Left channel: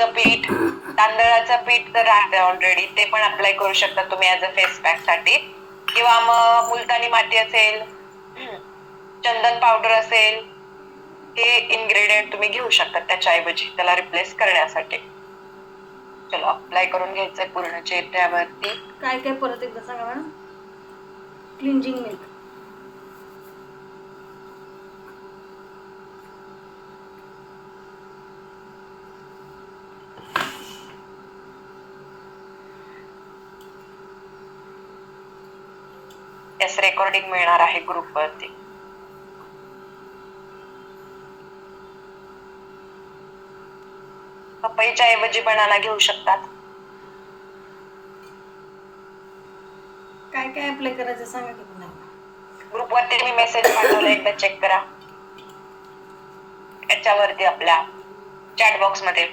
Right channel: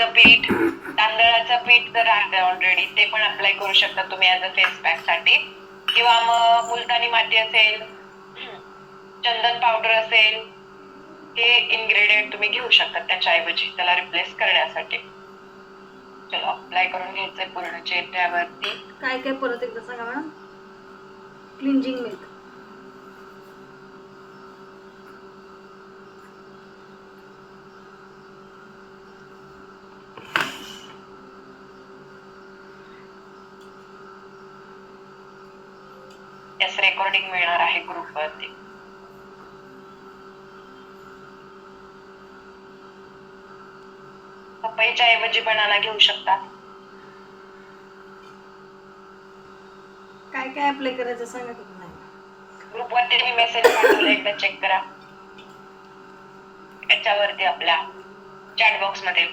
ज्वारीचं पीठ, तांदळाचं पीठ तर आहे ऑलरेडी, ते पण अप्लाय करू शकता तुम्ही ऍज अ फेस पॅक साठी. किंवा मग मुलतानी माती असेल, चंदन पावडर असेल, हे इन्ग्रेडियंट तुम्ही घेऊ शकता त्याच्याऐवजी त्याला रिप्लेस करण्यासाठी. चलो अप्लाय करून घ्यायचंय पूर्ण चेहऱ्यावरती. काय काय परत एकदा सांगा मॅडम. क्लिंजिंग मिल्क, यास रेकॉर्डिंग मिळणार आहे ग्रुपवरती. पपईच्या ऐवजी बनाना घेऊ शकतात. काय काय अप्लाय करायचं सांगा की पुन्हा. ग्रुपवरती मी मेसेज पाठवला, एकदा चेक करा याच्यावरती आपल्या चॅट बॉक्स मध्ये.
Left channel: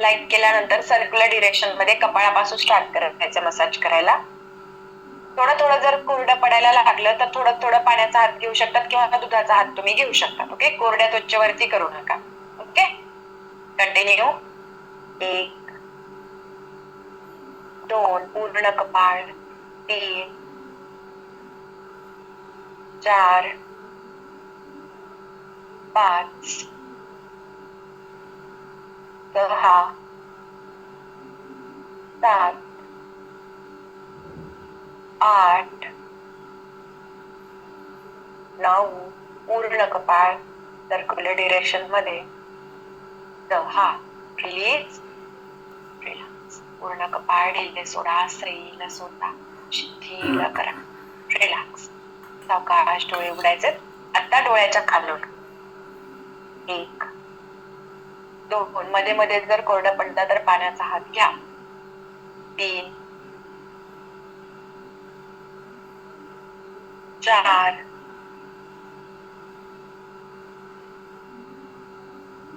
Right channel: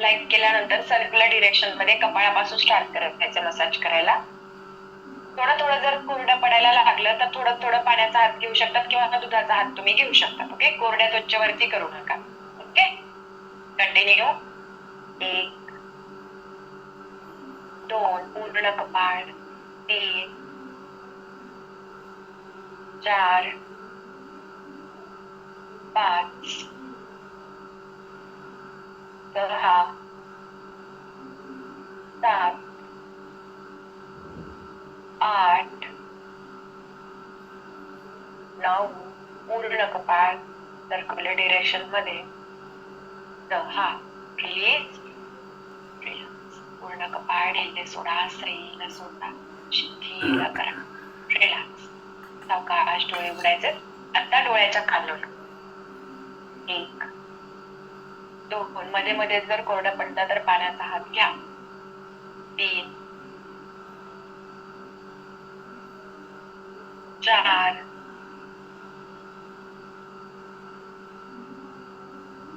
लाईक केल्यानंतर सर्क्युलर डिरेक्शन मध्ये कपाळापासून स्टार्ट करायचं मसाज करायला. थोडं थोडं जर कोरडं पडायला लागलं तर थोडं थोडं पाण्याचा हात घेऊ शकतात किंवा दुधाचा हात तुम्ही घेऊ शकता. ओके, कोरड्या त्वचेवरती करू नका. Okay, continue. 1 2 पूर्ण कपाळ, 3 4 5 6 7 8 9 पूर्ण कपाळ सर्क्युलर डिरेक्शन मध्ये. 10 रिलीज, रिलॅक्स. पूर्ण कपाळ ढिले सोडा, स्त्रीला सोडा, शिथिल करा, रिलॅक्स. सावकाश डोळे उघडायचे. आता डोळ्याच्या खालून 1 2 मध्ये मध्ये जर कोरडं पडलं तर पाण्याचा हात घ्या. 3 4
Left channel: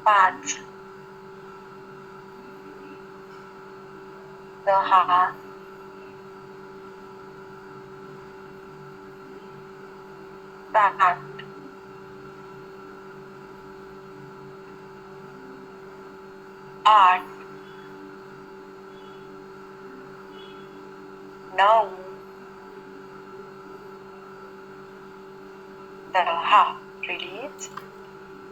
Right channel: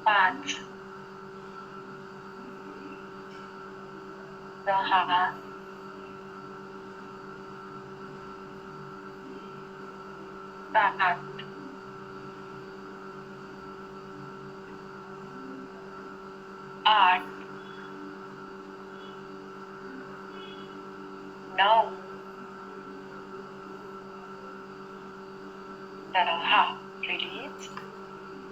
5 6 7 8 9 10 रिलीज.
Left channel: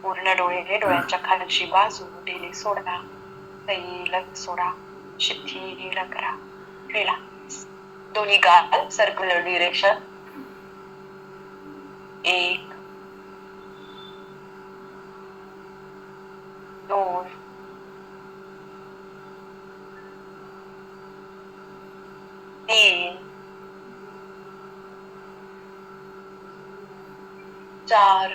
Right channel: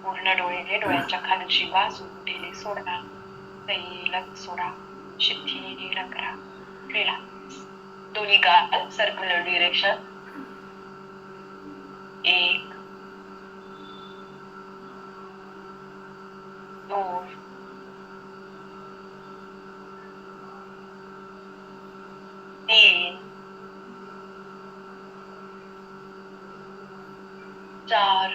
पूर्ण डोळे डोळ्याच्या खालची बाजू ढिली सोडा, सैल सोडा, शिथिल करा, रिलॅक्स. दोन्ही गाल सर्क्युलर डिरेक्शन. 1 2 3 4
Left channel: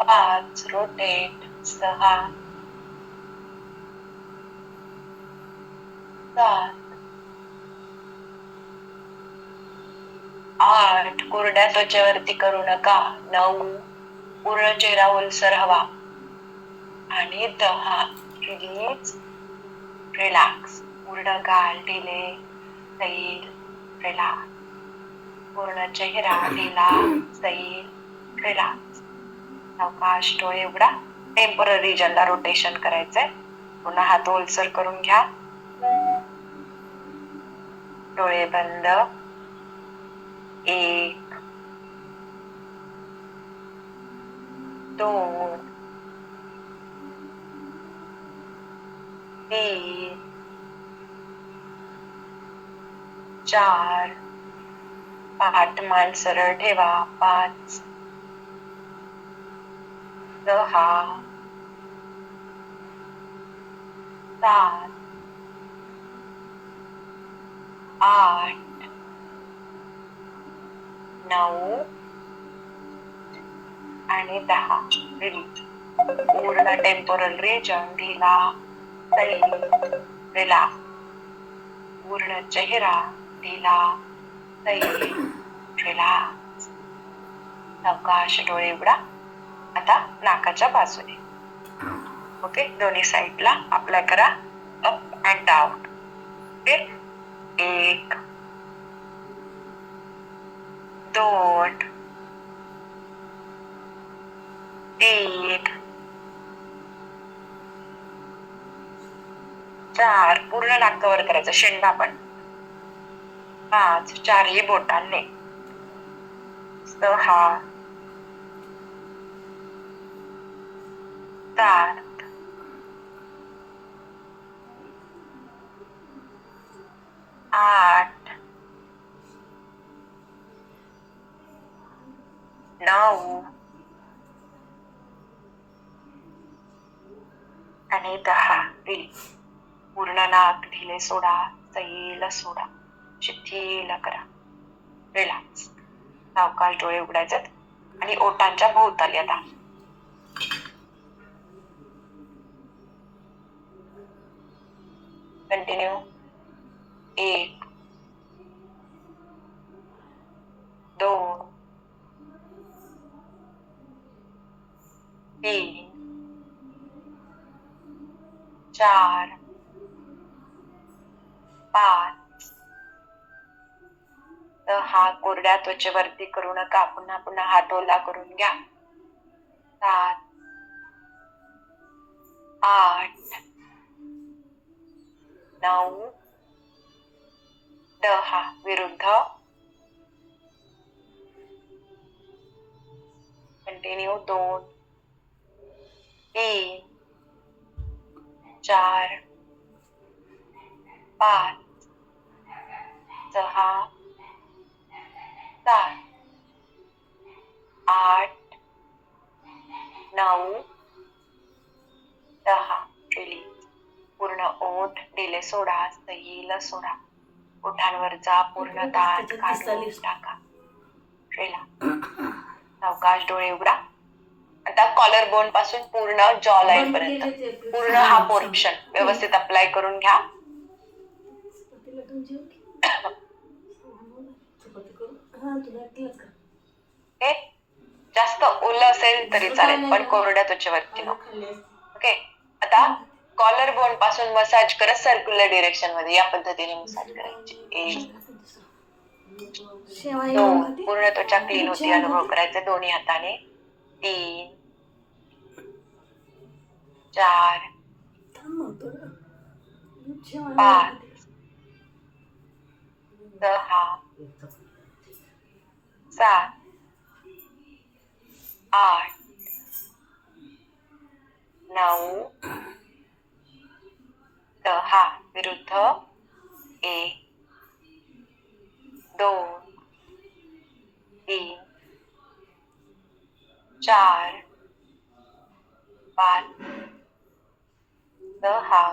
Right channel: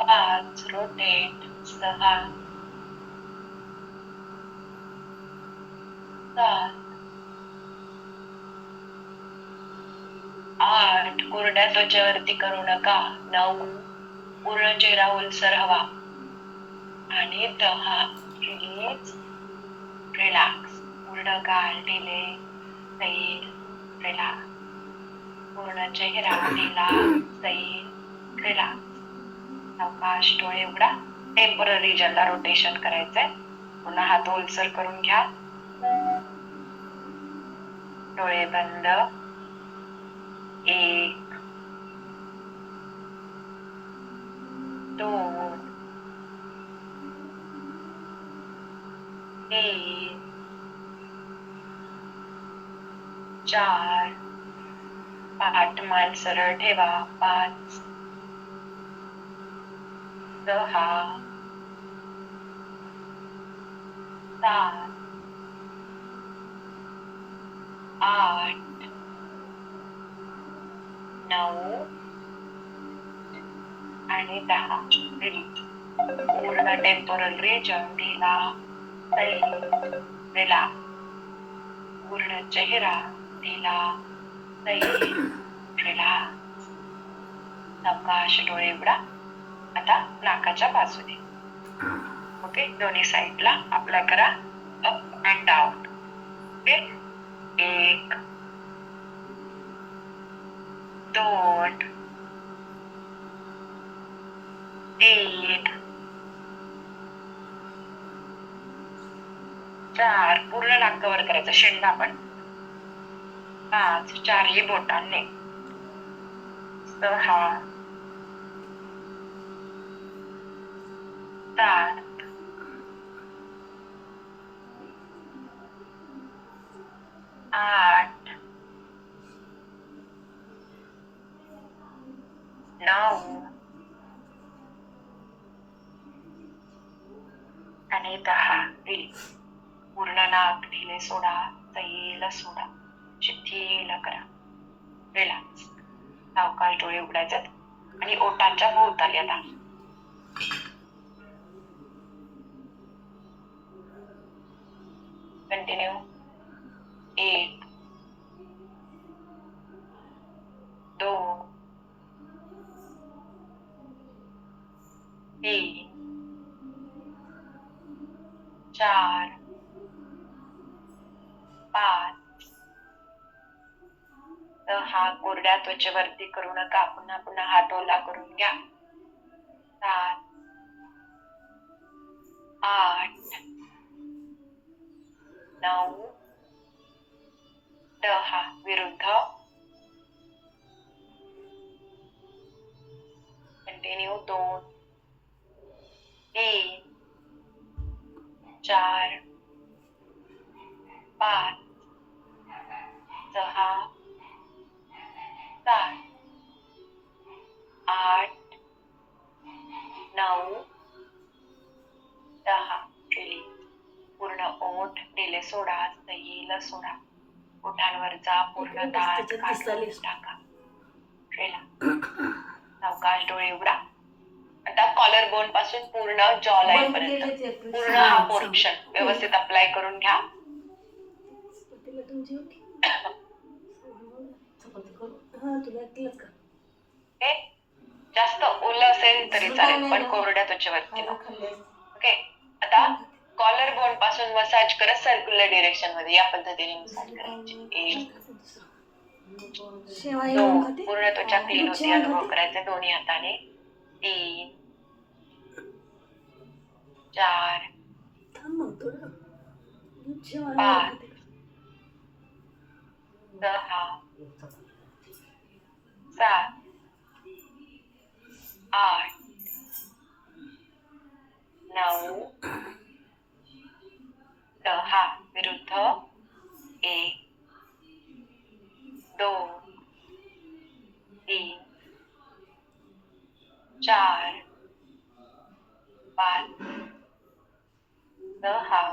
5 रोटेट. 6 7 8 कोरड्या त्वचेवरती करू नका. 9 पूर्ण चेहरा ओलसर हवा आणि 10 रिलीज, रिलॅक्स. पूर्ण गाल ढिले, सैल, रिलॅक्स. पूर्ण चेहरा ढिला, सैल, रिलॅक्स. सावकाश डोळे उघडा. टेम्पररी रिजनला रोटेशन करायचंय. पुन्हा हात ओलसर करून घ्या. डोळे बंद. 1 2 3 4 पाठ मान सरळ ठेवा. 5 6 7 8 9 आणि 10 रिलीज. पूर्ण टेम्पोरल रिजन ढिला, सैल रिलॅक्स. पूर्ण चेहरा ढिला सैल रिलॅक्स. सावकाश डोळे उघडा. आता नाकाच्या बाजूने. ओके, दोन्ही साईडला अप्लाय करा. Up and down. ओके, 1 2 3 4. पूर्ण नाक कव्हर करायचं, शेंडा पण. 5. चारही बोटांनी. 6 7 8 9 आणि 10. रिलीज. पूर्ण नाक ढिले सोडा, सैल सोडा, शिथिल करा. रिलॅक्स. सावकाश डोळे उघडायचे आणि ओठांच्या भोवताली आता. कंटिन्यू. 1 2 3 4 5 6. कोरड्या त्वचेवरती करू नका, पुन्हा पुन्हा हात ओला करून घ्या. 7 8 9 10. विरुद्ध. कंटिन्यू. 2 3 4 5 6 7 8 9 10. रिलीज. पूर्ण ओठ ढिले सोडा, सैल सोडा. ओठांवरचा पूर्ण ताण काढून टाका. रिलॅक्स. सावकाश डोळे उघडा. आता कॉलर बोन पासून पूर्ण जॉ लाईन पर्यंत पूर्ण हा पोर्शन व्यवस्थित अप्लाय करून घ्या. ओके, जास्त ओलं असेल तरी चालेल, पण कोरड्या त्वचेवरती नको. ओके, आता कॉलर बोन पासून मसाज करत सर्क्युलर डिरेक्शन मध्ये या पद्धतीने मसाज करायची. 1 2. पूर्ण त्वचा क्लीन होती, अनुभव करायचे दोन्ही हाताने. 3 4 5 6 7 8 9 10. विरुद्ध. 1 2 3 4 5 6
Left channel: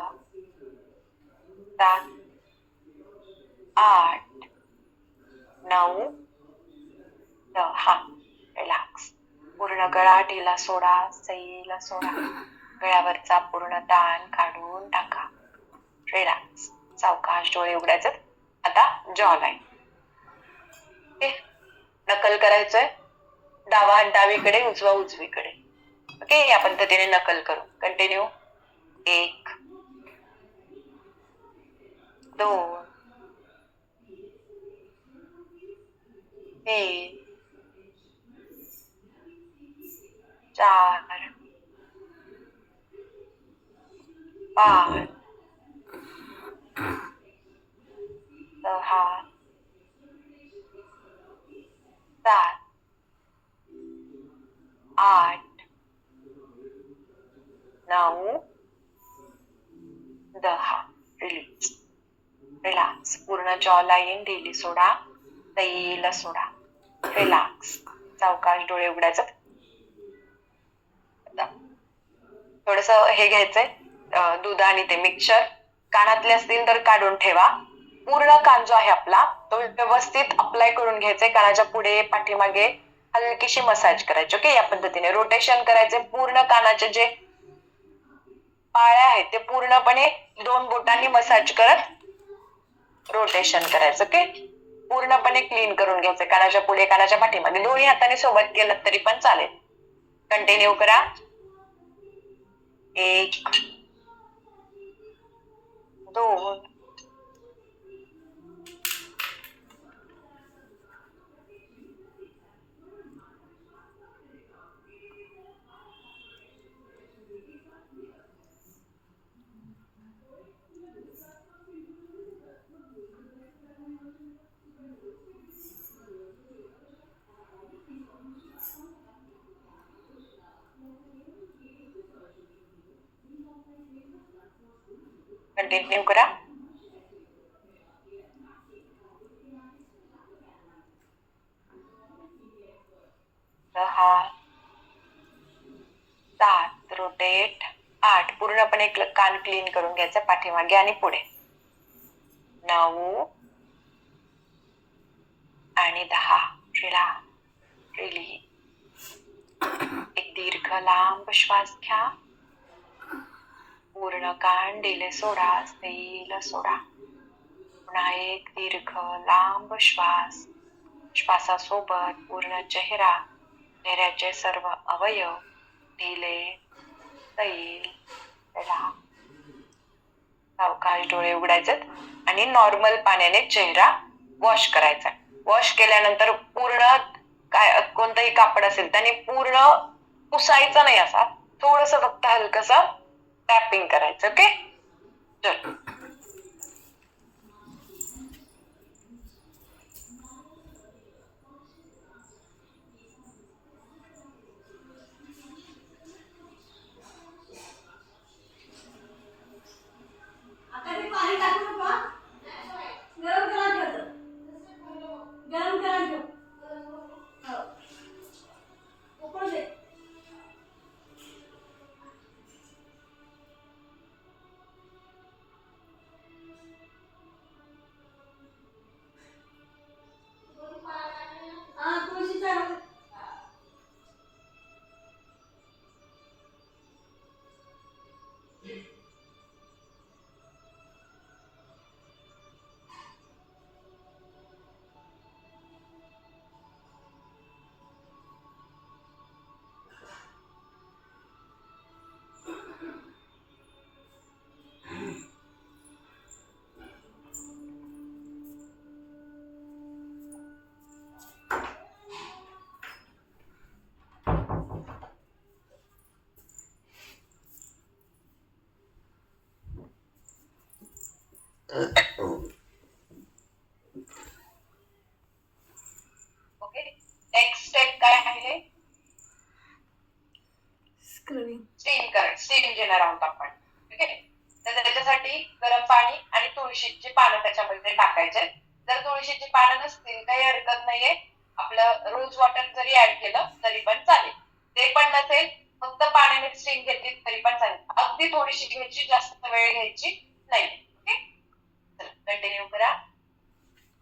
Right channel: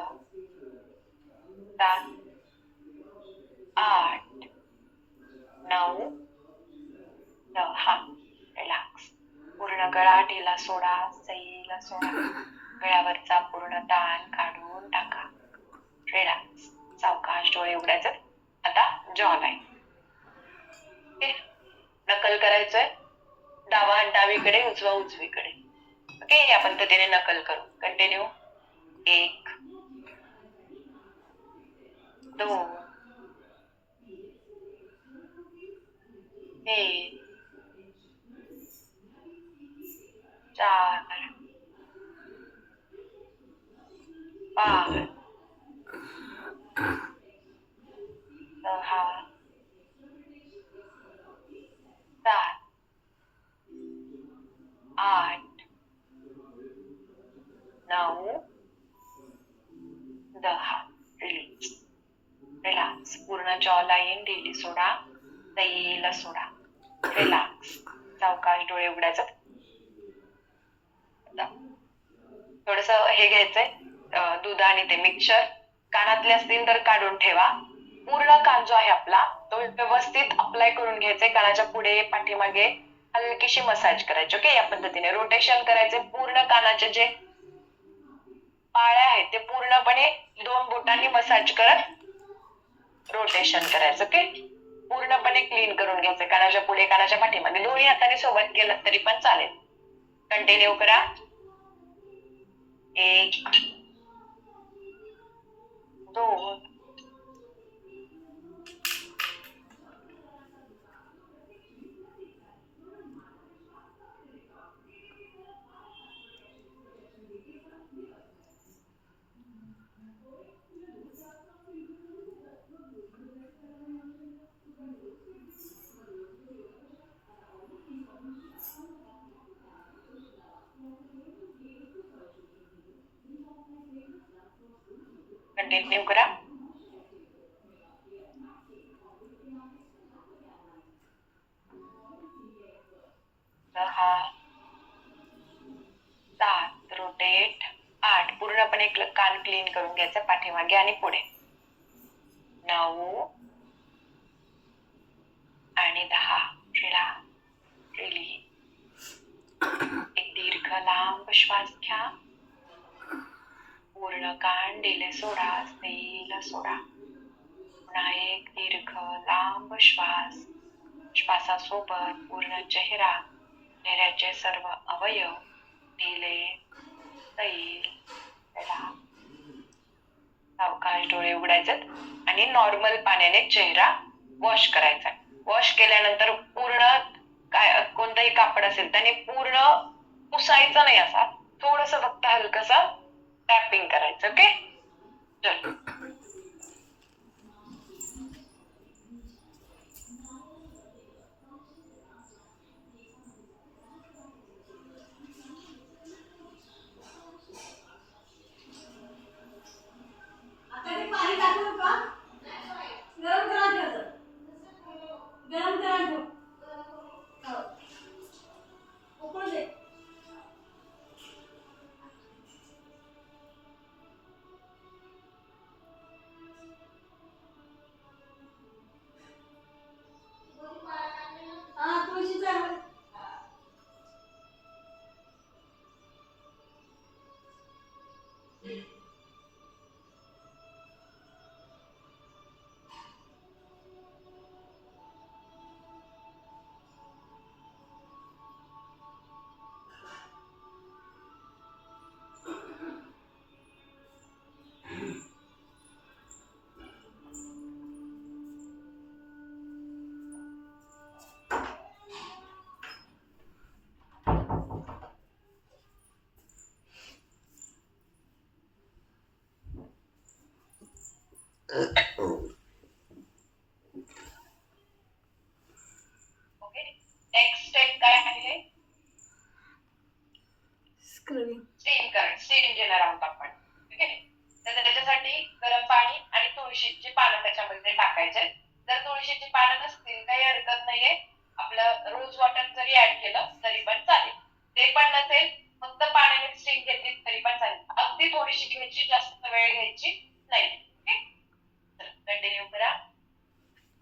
7 8 9 10. रिलॅक्स. पूर्ण गळा ढिला सोडा, सैल सोडा. गळ्यावरचा पूर्ण ताण काढून टाका. रिलॅक्स. सावकाश डोळे उघडायचे. आता जॉ लाईन. ओके, नकल करायचंय. डावा हात डावीकडे, उजवा उजवीकडे. ओके, या पद्धतीने नकल करू. कंटिन्यू. 1 2 3 4 5 6 7 8 9 10. रिलीज. रिलॅक्स. पूर्ण जॉ लाईन ढिली सोडा, सैल सोडा. रिलॅक्स. सावकाश डोळे उघडायचं. थोडस हे घ्यायचंय, दूध आणि ते मिक्सचर. कानातले असतील तर काढून ठेवा. पूर्ण कान जो आहे आपला तो व्यवस्थित अप्लाय करून घ्यायचंय. कानाच्या पुढे पाठीमागे हलकीशी मसाज करायची. ओके, या पद्धतीने रोटेशन करायचे. पूर्ण कानाचे जे पाळ्या आहेत ते पूर्णपणे 2 बोटांनी मसाज करत रोटेशन करायचं. ओके, पूर्णपणे क्लीन करून घ्यायचं. कानाच्या पुढे कानाच्या पाठीमागे दोन्ही हाताने सोबत केलं तरी पण चालेल. कंटिन्यू करा. 1 2 कंटिन्यू करा. 6 7 रोटेट. 8 पूर्णपणे कान क्लीन करून घ्यायचं पाठीमागे आणि पुढे. 9 आणि 10 रिलीज. एक दीर्घ लांब श्वास घ्या. पूर्ण कान दिले सोडा, सैल सोडा. पुन्हा एक दीर्घ लांब श्वास. श्वासासोबत पूर्ण चेहरा, चेहऱ्याचे सर्व अवयव दिले सैल सोडा. सावकाश डोळे उघडायचे आणि नॉर्मल पाण्याने चेहरा वॉश करायचा. वॉश केल्यानंतर पूर्ण कोणतंही कापड असेल त्याने पूर्ण पुसायचं नाही, असा थोडस फक्त हलकस टॅपिंग करायचं. ओके, चल. आता ते पाणी टाकू नका. गरम करा ठेव. गरम करा ठेव. हो. उकळू दे. हा, तुळशीचा ओके, नेक्स्ट स्टेप काय आहे? स्क्रबिंग. स्टीम घेणार आहोत आपण. ठीक आहे, तर त्याच्यासाठी गरम पाणी आणि तुळशीची पानं त्याच्यामध्ये टाकायचे. जर तुळशीची पानं नसतील काही हरकत नाहीये, आपलं रोज वॉटर जरी ऍड केलं तरी पण चालेल. ते पण नसेल, फक्त पाण्याने स्टीम घेतली तरी पण चालेल. अगदी थोडीशी घ्यायची, जास्त वेळ घ्यायची नाही. ओके, कंटिन्यू करा.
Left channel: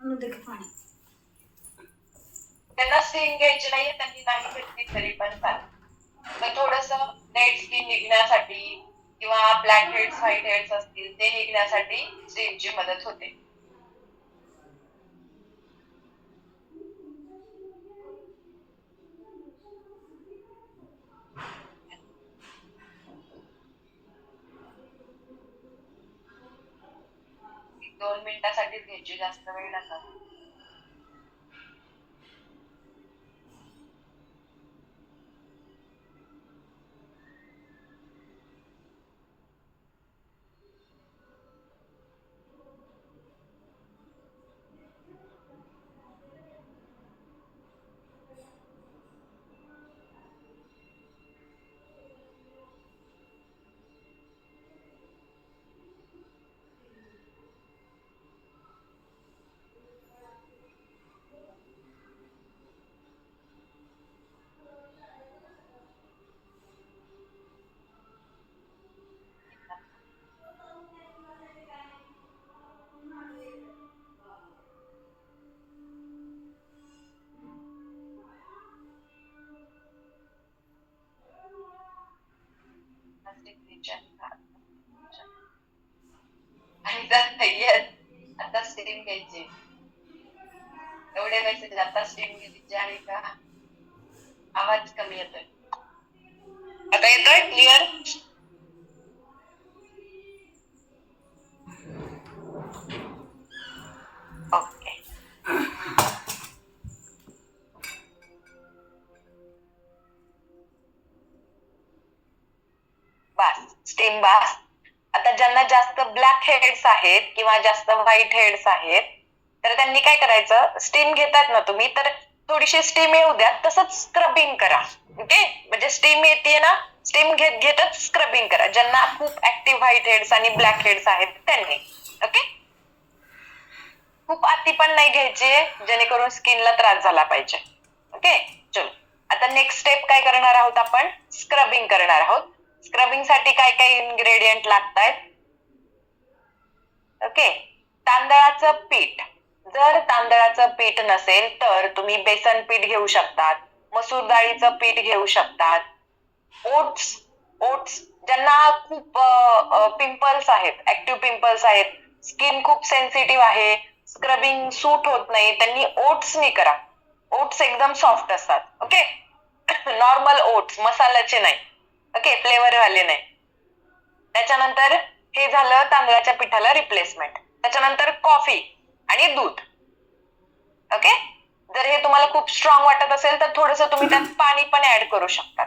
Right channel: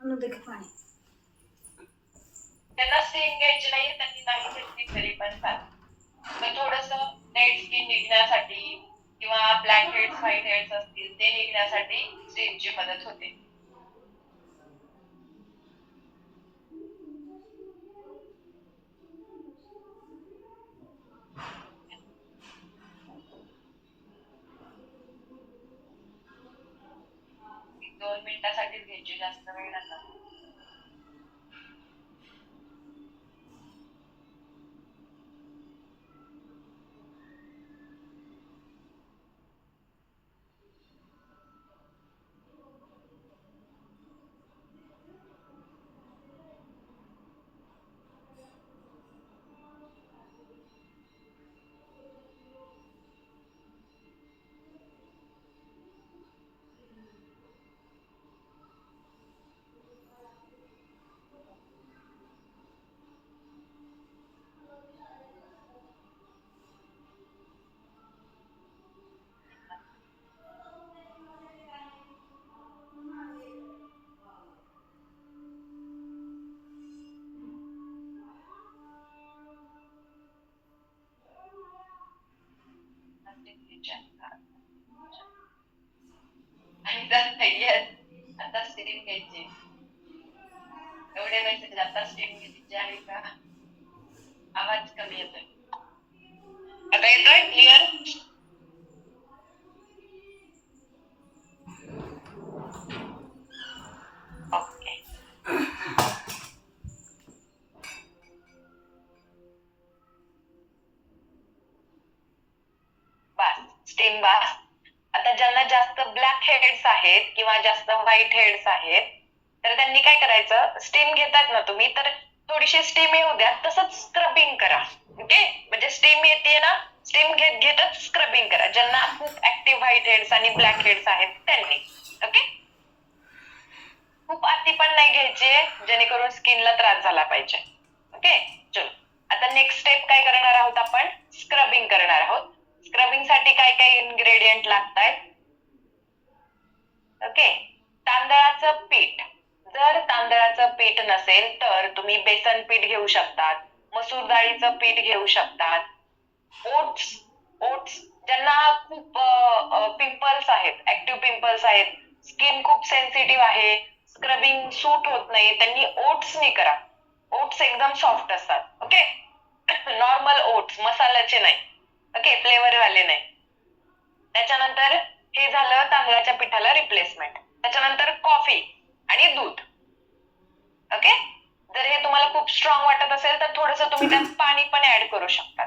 देखील पाणी. त्यांना स्टीम घ्यायची नाहीये, त्यांनी नाही घेतली तरी पण चालेल. तर थोडस डेड स्किन निघण्यासाठी किंवा ब्लॅक हेड्स व्हाईट हेड्स असतील ते निघण्यासाठी स्टीमची मदत होते. एक 2 मिनिटासाठीच घ्यायची, जास्त वेळ नका. येस, आता स्टीम घ्यायची. एवढे मेसेज आता स्टीम घ्यायची आहे का? आवाज कमी येतोय. आता येतोय क्लिअर? ओके. बस स्टीम बस. आता ज्यांना जास्त ब्लॅक हेड्स आहेत किंवा जास्त व्हाईट हेड्स आहेत तर त्यांनी काय करायचं, स्टीम घेतात ना तुम्ही तर थोडीशी स्टीम येऊ द्या, तसंच स्क्रबिंग करा. ओके, म्हणजे स्टीम येते ना, स्टीम घेत घेतच स्क्रबिंग करा. ज्यांना खूप ऍक्टिव्ह व्हाईट हेड्स आणि ब्लॅक हेड्स आहेत त्यांनी. ओके, खूप अति पण नाही घ्यायचे जेणेकरून स्किनला त्रास झाला पाहिजे. ओके, चलो आता नेक्स्ट स्टेप काय करणार आहोत आपण, स्क्रबिंग करणार आहोत. स्क्रबिंग साठी काय काय इन्ग्रेडियंट लागतात? ओके, तांदळाचं पीठ. जर तांदळाचं पीठ नसेल तर तुम्ही बेसन पीठ घेऊ शकतात, मसूर डाळीचं पीठ घेऊ शकतात, ओट्स. ओट्स ज्यांना खूप पिंपल्स आहेत, ऍक्टिव्ह पिंपल्स आहेत, स्किन खूप सेन्सिटिव्ह आहे, स्क्रबिंग सूट होत नाही, त्यांनी ओट्सनी करा. ओट्स एकदम सॉफ्ट असतात. ओके, नॉर्मल ओट्स, मसाल्याचे नाही. ओके, फ्लेवर वाले नाही. त्याच्यानंतर हे झालं तांदळाच्या पिठाला रिप्लेसमेंट. त्याच्यानंतर कॉफी आणि दूध. ओके, जर हे तुम्हाला खूप स्ट्रॉंग वाटत असेल तर थोडस तुम्ही त्यात पाणी पण ऍड करू शकता.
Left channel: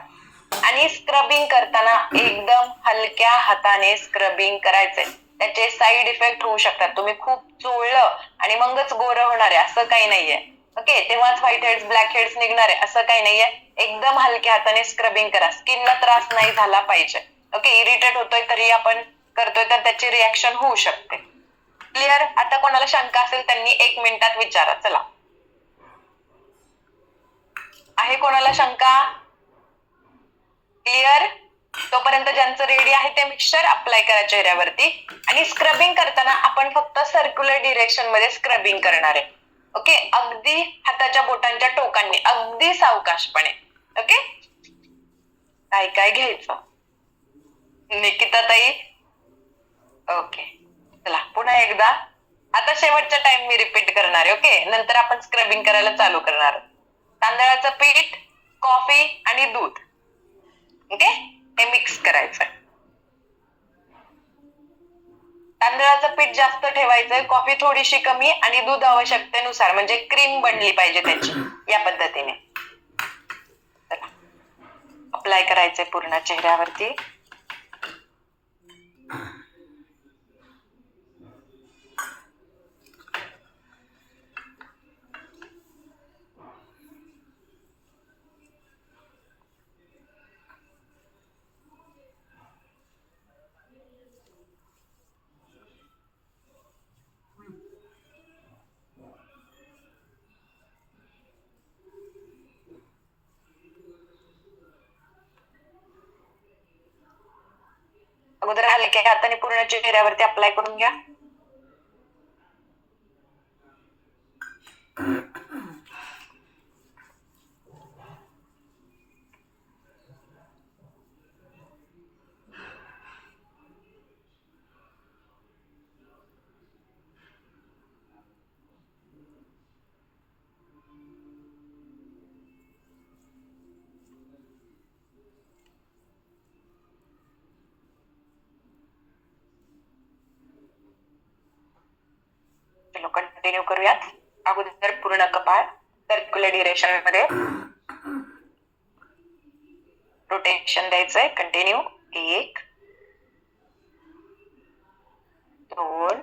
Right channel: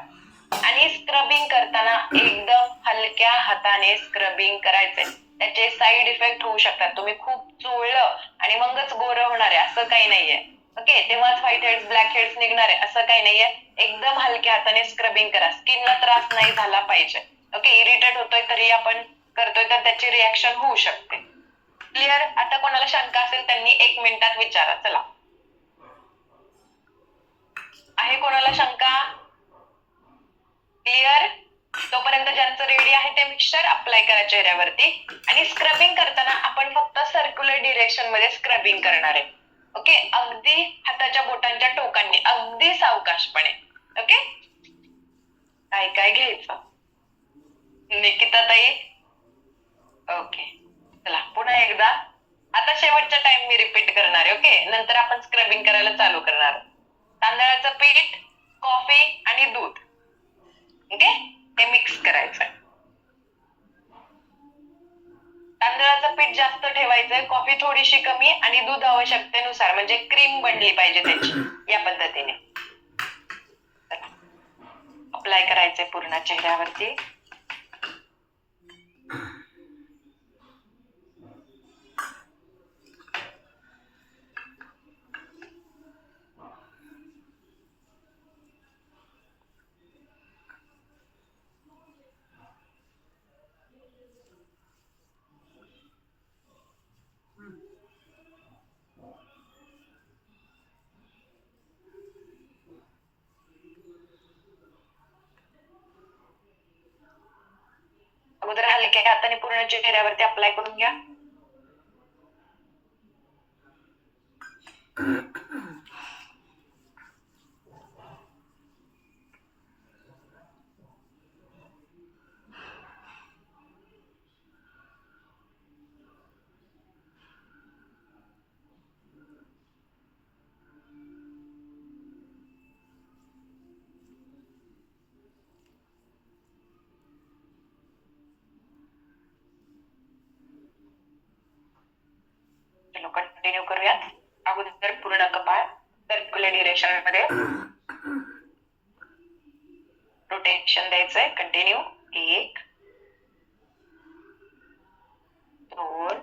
आणि स्क्रबिंग करताना एकदम हलक्या हाताने स्क्रबिंग करायचंय. त्याचे साईड इफेक्ट होऊ शकतात. तुम्ही खूप चोळलं आणि मगच गोरं होणार आहे असं काही नाहीये. ओके, तेव्हाच व्हाईट हेड्स ब्लॅक हेड्स निघणार आहे असं काही नाहीये. एकदम हलक्या हाताने स्क्रबिंग करा, स्किनला त्रास नाही झाला पाहिजे. ओके, इरिटेट होतोय तरी आपण करतोय तर त्याची रिॲक्शन होऊ शकते. क्लिअर? आता कोणाला शंका असेल त्यांनी 1 मिनिटात विचारा. चला, आहे कोणाला शंका? क्लिअर? तोपर्यंत ज्यांचं रेडी आहे ते मिक्सचर अप्लाय करा चेहऱ्यावरती. आणि स्क्रबिंग करताना आपण फक्त सर्क्युलर डिरेक्शन मध्ये स्क्रबिंग करणार आहे. ओके, अगदी हाताच्या बोटांच्या टोकांनी, अगदी सावकाशपणे. ओके, काय काय घ्यायचं? निकिता ताई, ओके, चला पुन्हा एकदा. आता शेवटचा टाइम मी रिपीट करणार आहे. ओके, नंतर आपण स्क्रबिंग करायला चालू करणार. तांदळाचं पीठ, कॉफी आणि दूध. ओके, हे मिक्स करायचंय. तांदळाचं पीठ जास्त ठेवायचंय, कॉफी थोडीशी कमी आणि दूध आवश्यकतेनुसार, म्हणजे क्रीम बनली पाहिजे त्याची, या पद्धतीने. अप्लाय करायचंय पूर्ण चेहऱ्यावरती. अगोदर हलक्या हाताने पूर्ण चेहऱ्यावरती अप्लाय करून घ्या. चलो कंटिन्यू करूयात. अगोदर पूर्ण कपाळ सर्क्युलर डिरेक्शन मध्ये रोटेशन द्यायचंय. कंटिन्यू. 1 2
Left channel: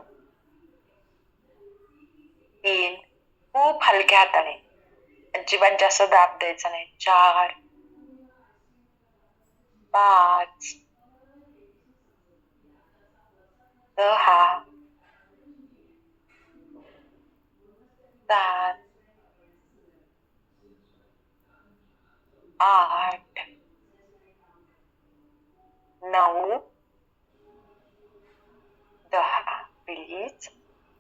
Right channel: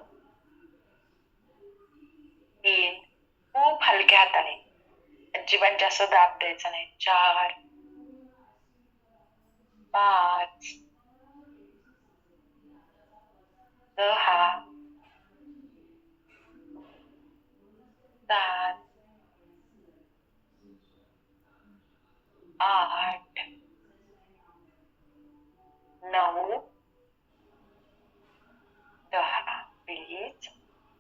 3, खूप हलक्या हाताने, अजिबात जास्त दाब द्यायचा नाही. 4 5 6 7 8 9 10. Please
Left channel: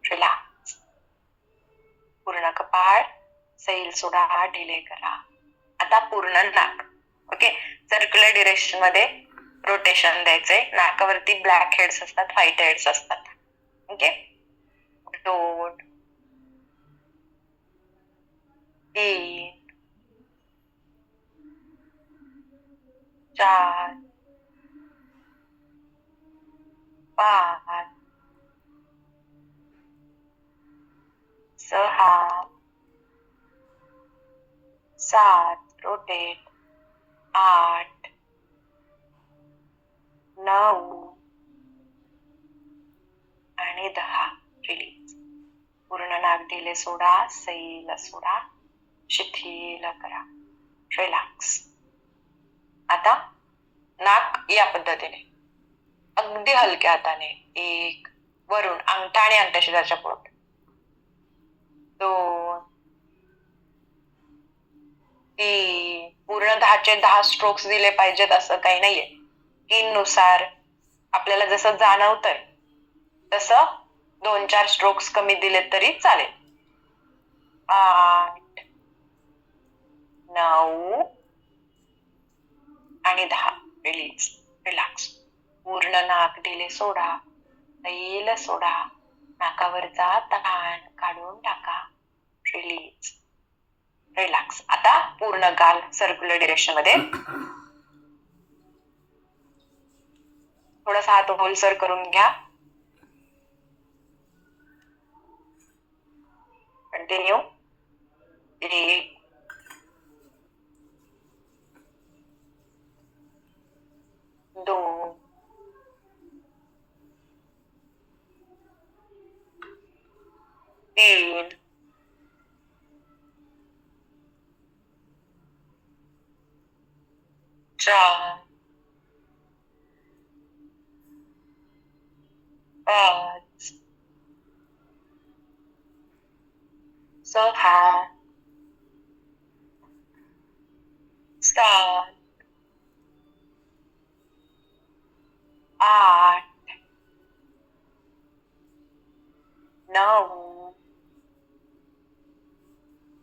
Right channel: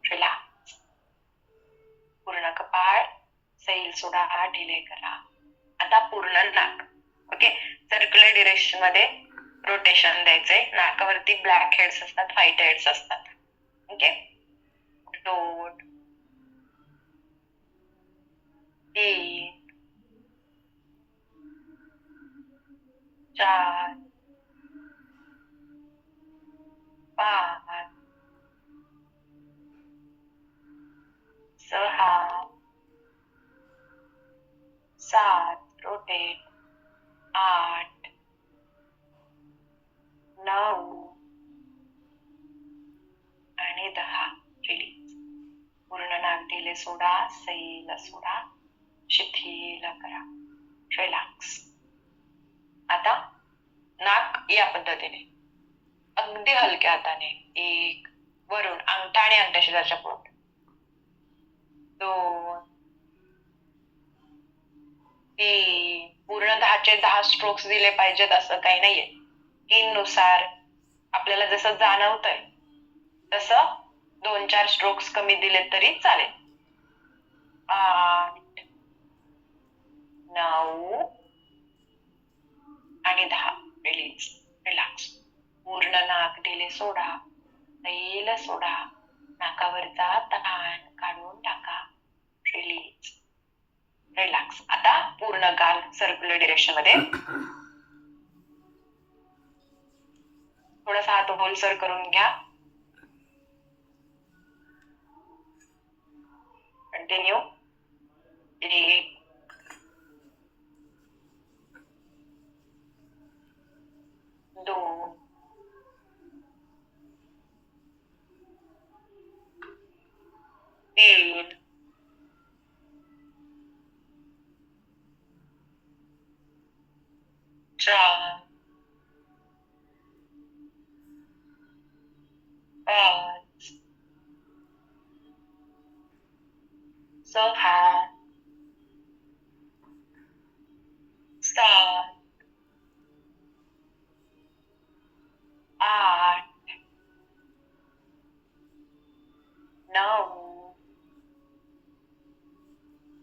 relax. पूर्ण कपाळ सैल सोडा, ढिले करा. आता पूर्ण नाक. ओके, सर्क्युलर डिरेक्शन मध्ये रोटेशन द्यायचंय. नाकावरती ब्लॅक हेड्स असतात, व्हाईट हेड्स असतात. ओके. 2 3 4 5 6 7 रोटेट 8 9 आणि 10 रिलीज. पूर्ण नाक दिले सोडा, सैल सोडा, शिथिल करा, रिलॅक्स. आता नाक या पद्धतीने अगदी हलक्या हाताने 1 वरून अंगठा आणि अंगठ्याशिराच्या पोट, 2 3 पूर्ण 10चे 10 स्ट्रोक्स दिले पाहिजेत असं काही नाहीये. नुसार आपल्याला जसं जाणवतंय तसं 2-4 स्ट्रोक्स कमी दिले तरी चालेल. 8 9 आणि 10 रिलीज, रिलॅक्स. पूर्ण नाक दिले सोडा, सैल सोडा, नाकावरचा ताण काढून टाका, रिलीज, रिलॅक्स. आता पूर्ण गाल सर्क्युलर डिरेक्शन मध्ये थोडासा हात ओलसर करून घ्या. कंटिन्यू. 1 2 3 4 5 6 7 8 9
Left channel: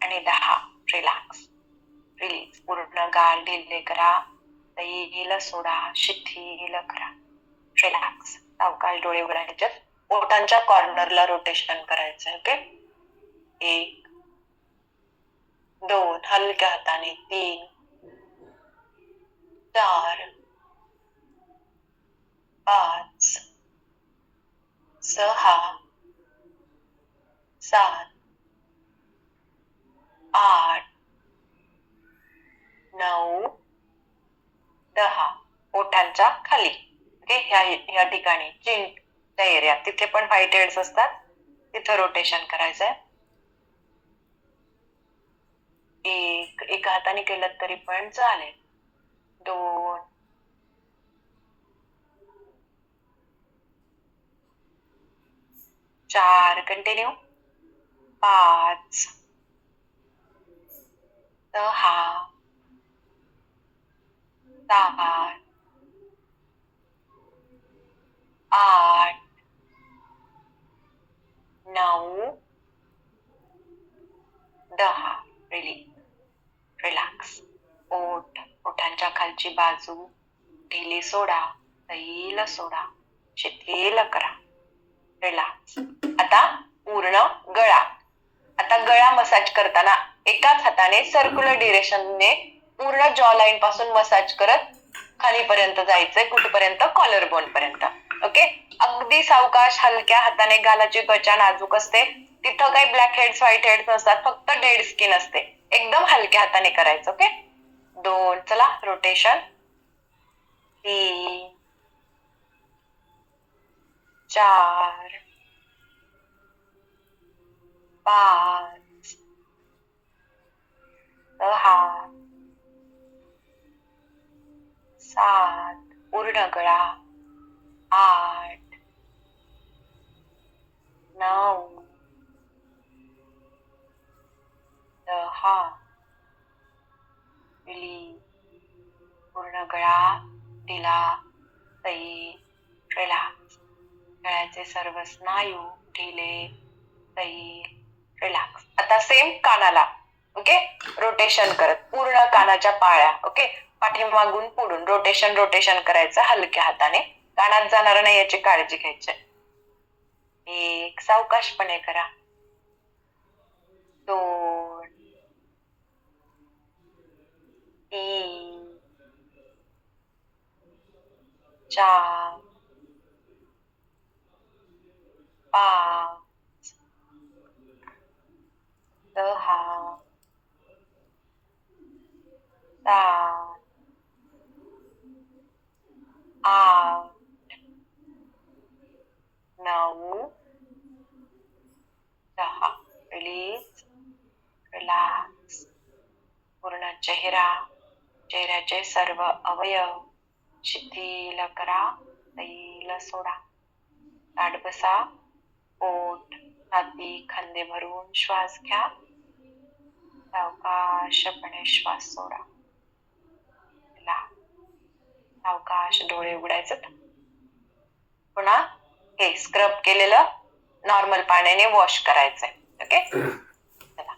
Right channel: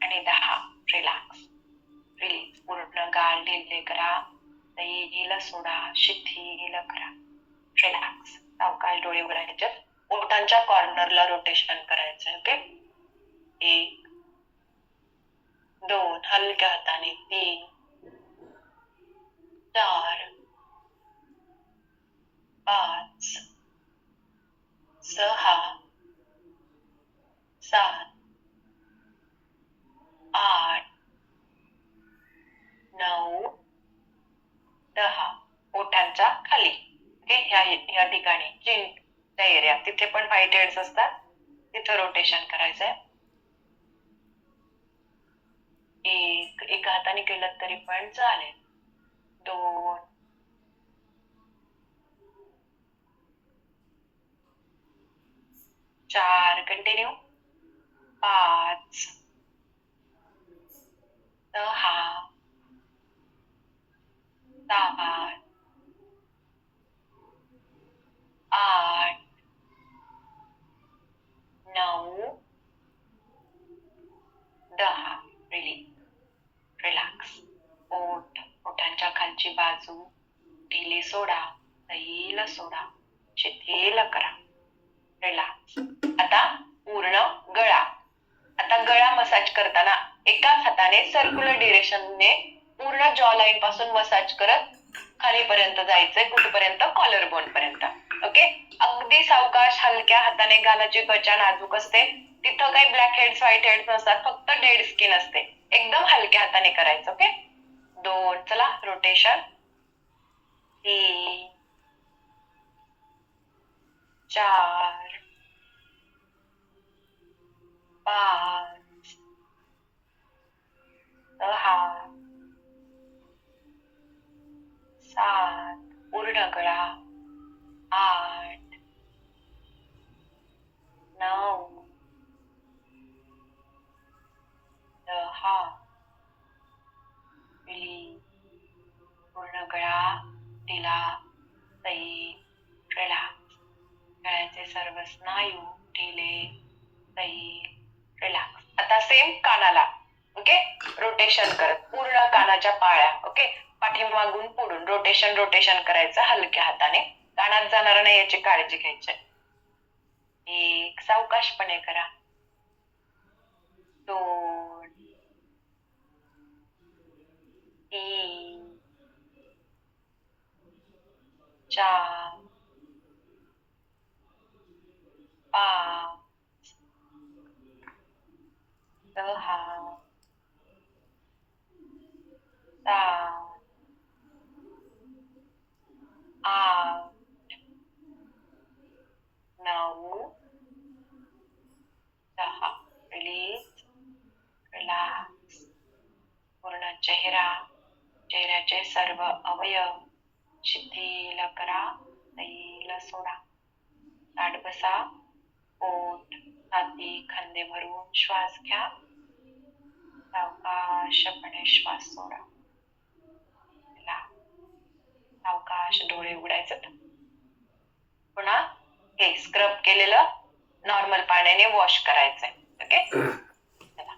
आणि 10 रिलॅक्स, रिलीज. पूर्ण गाल ढिले करा, सैल सोडा, शिथिल करा, रिलॅक्स. सावकाश डोळे उघडायचे. ओठांच्या कॉर्नरला रोटेशन करायचं. ओके. 1 2 हलक्या हाताने, 3 4 5 6 7 8 9 10 ओठांच्या खाली. ओके. ह्या ठिकाणी चिनच्या एरिया तिथे पण व्हाईट हेड्स असतात, तिथं रोटेशन करायचंय. एका हाताने केलं तरी पण चालेल. 2 4 कंटिन्यू. 5 6 7 8 9 10 release, relax. ओठांच्या खालची बाजू ढिली सोडा, सैल सोडा, शिथिल करा, रिलॅक्स. आता पूर्ण गळा. आता गळा मसाज करताना एकाच हाताने सर्क्युलर डिरेक्शनने पूर्ण जॉ लाईन पासून मसाज करत खालीपर्यंत जायचंय, कुठपर्यंत? कॉलर बोन पर्यंत. ओके. अगदी सावकाश हलक्या हाताने. गालाची त्वचा नाजूक असते, तिथं काही ब्लॅक हेड्स व्हाईट हेड्स नसतात, फक्त डेड स्किन असते. एकदम हलक्या हाताने करायचं. ओके. 2 चला रोटेशन. 3 4 5 6 7 पूर्ण गळा, 8 9 10 रिलीज. पूर्ण गळा ढिला, सैल, रिलॅक्स. गळ्याचे सर्व स्नायू ढिले, सैल, रिलॅक्स. आता सेम कानाला. ओके. रोटेशन करत पूर्ण कानाच्या पाळ्या. ओके. पाठीमागून पुढून रोटेशन रोटेशन करायचं हलक्या हाताने. कानात जाणार नाही याची काळजी घ्यायची. 1 सावकाशपणे करा. 2 3 4 5 6 7 8 9 10. Release, relax. पूर्ण चेहऱ्याचे सर्व अवयव शिथिल करा. सैल सोडा. ताठ बसा. पोट, छाती, खांदे भरून श्वास घ्या. सावकाशपणे श्वास सोडा. सावकाश डोळे उघडायचे. पुन्हा हे स्क्रब केलेलं नॉर्मल पाण्याने वॉश करायचंय. ओके, चला.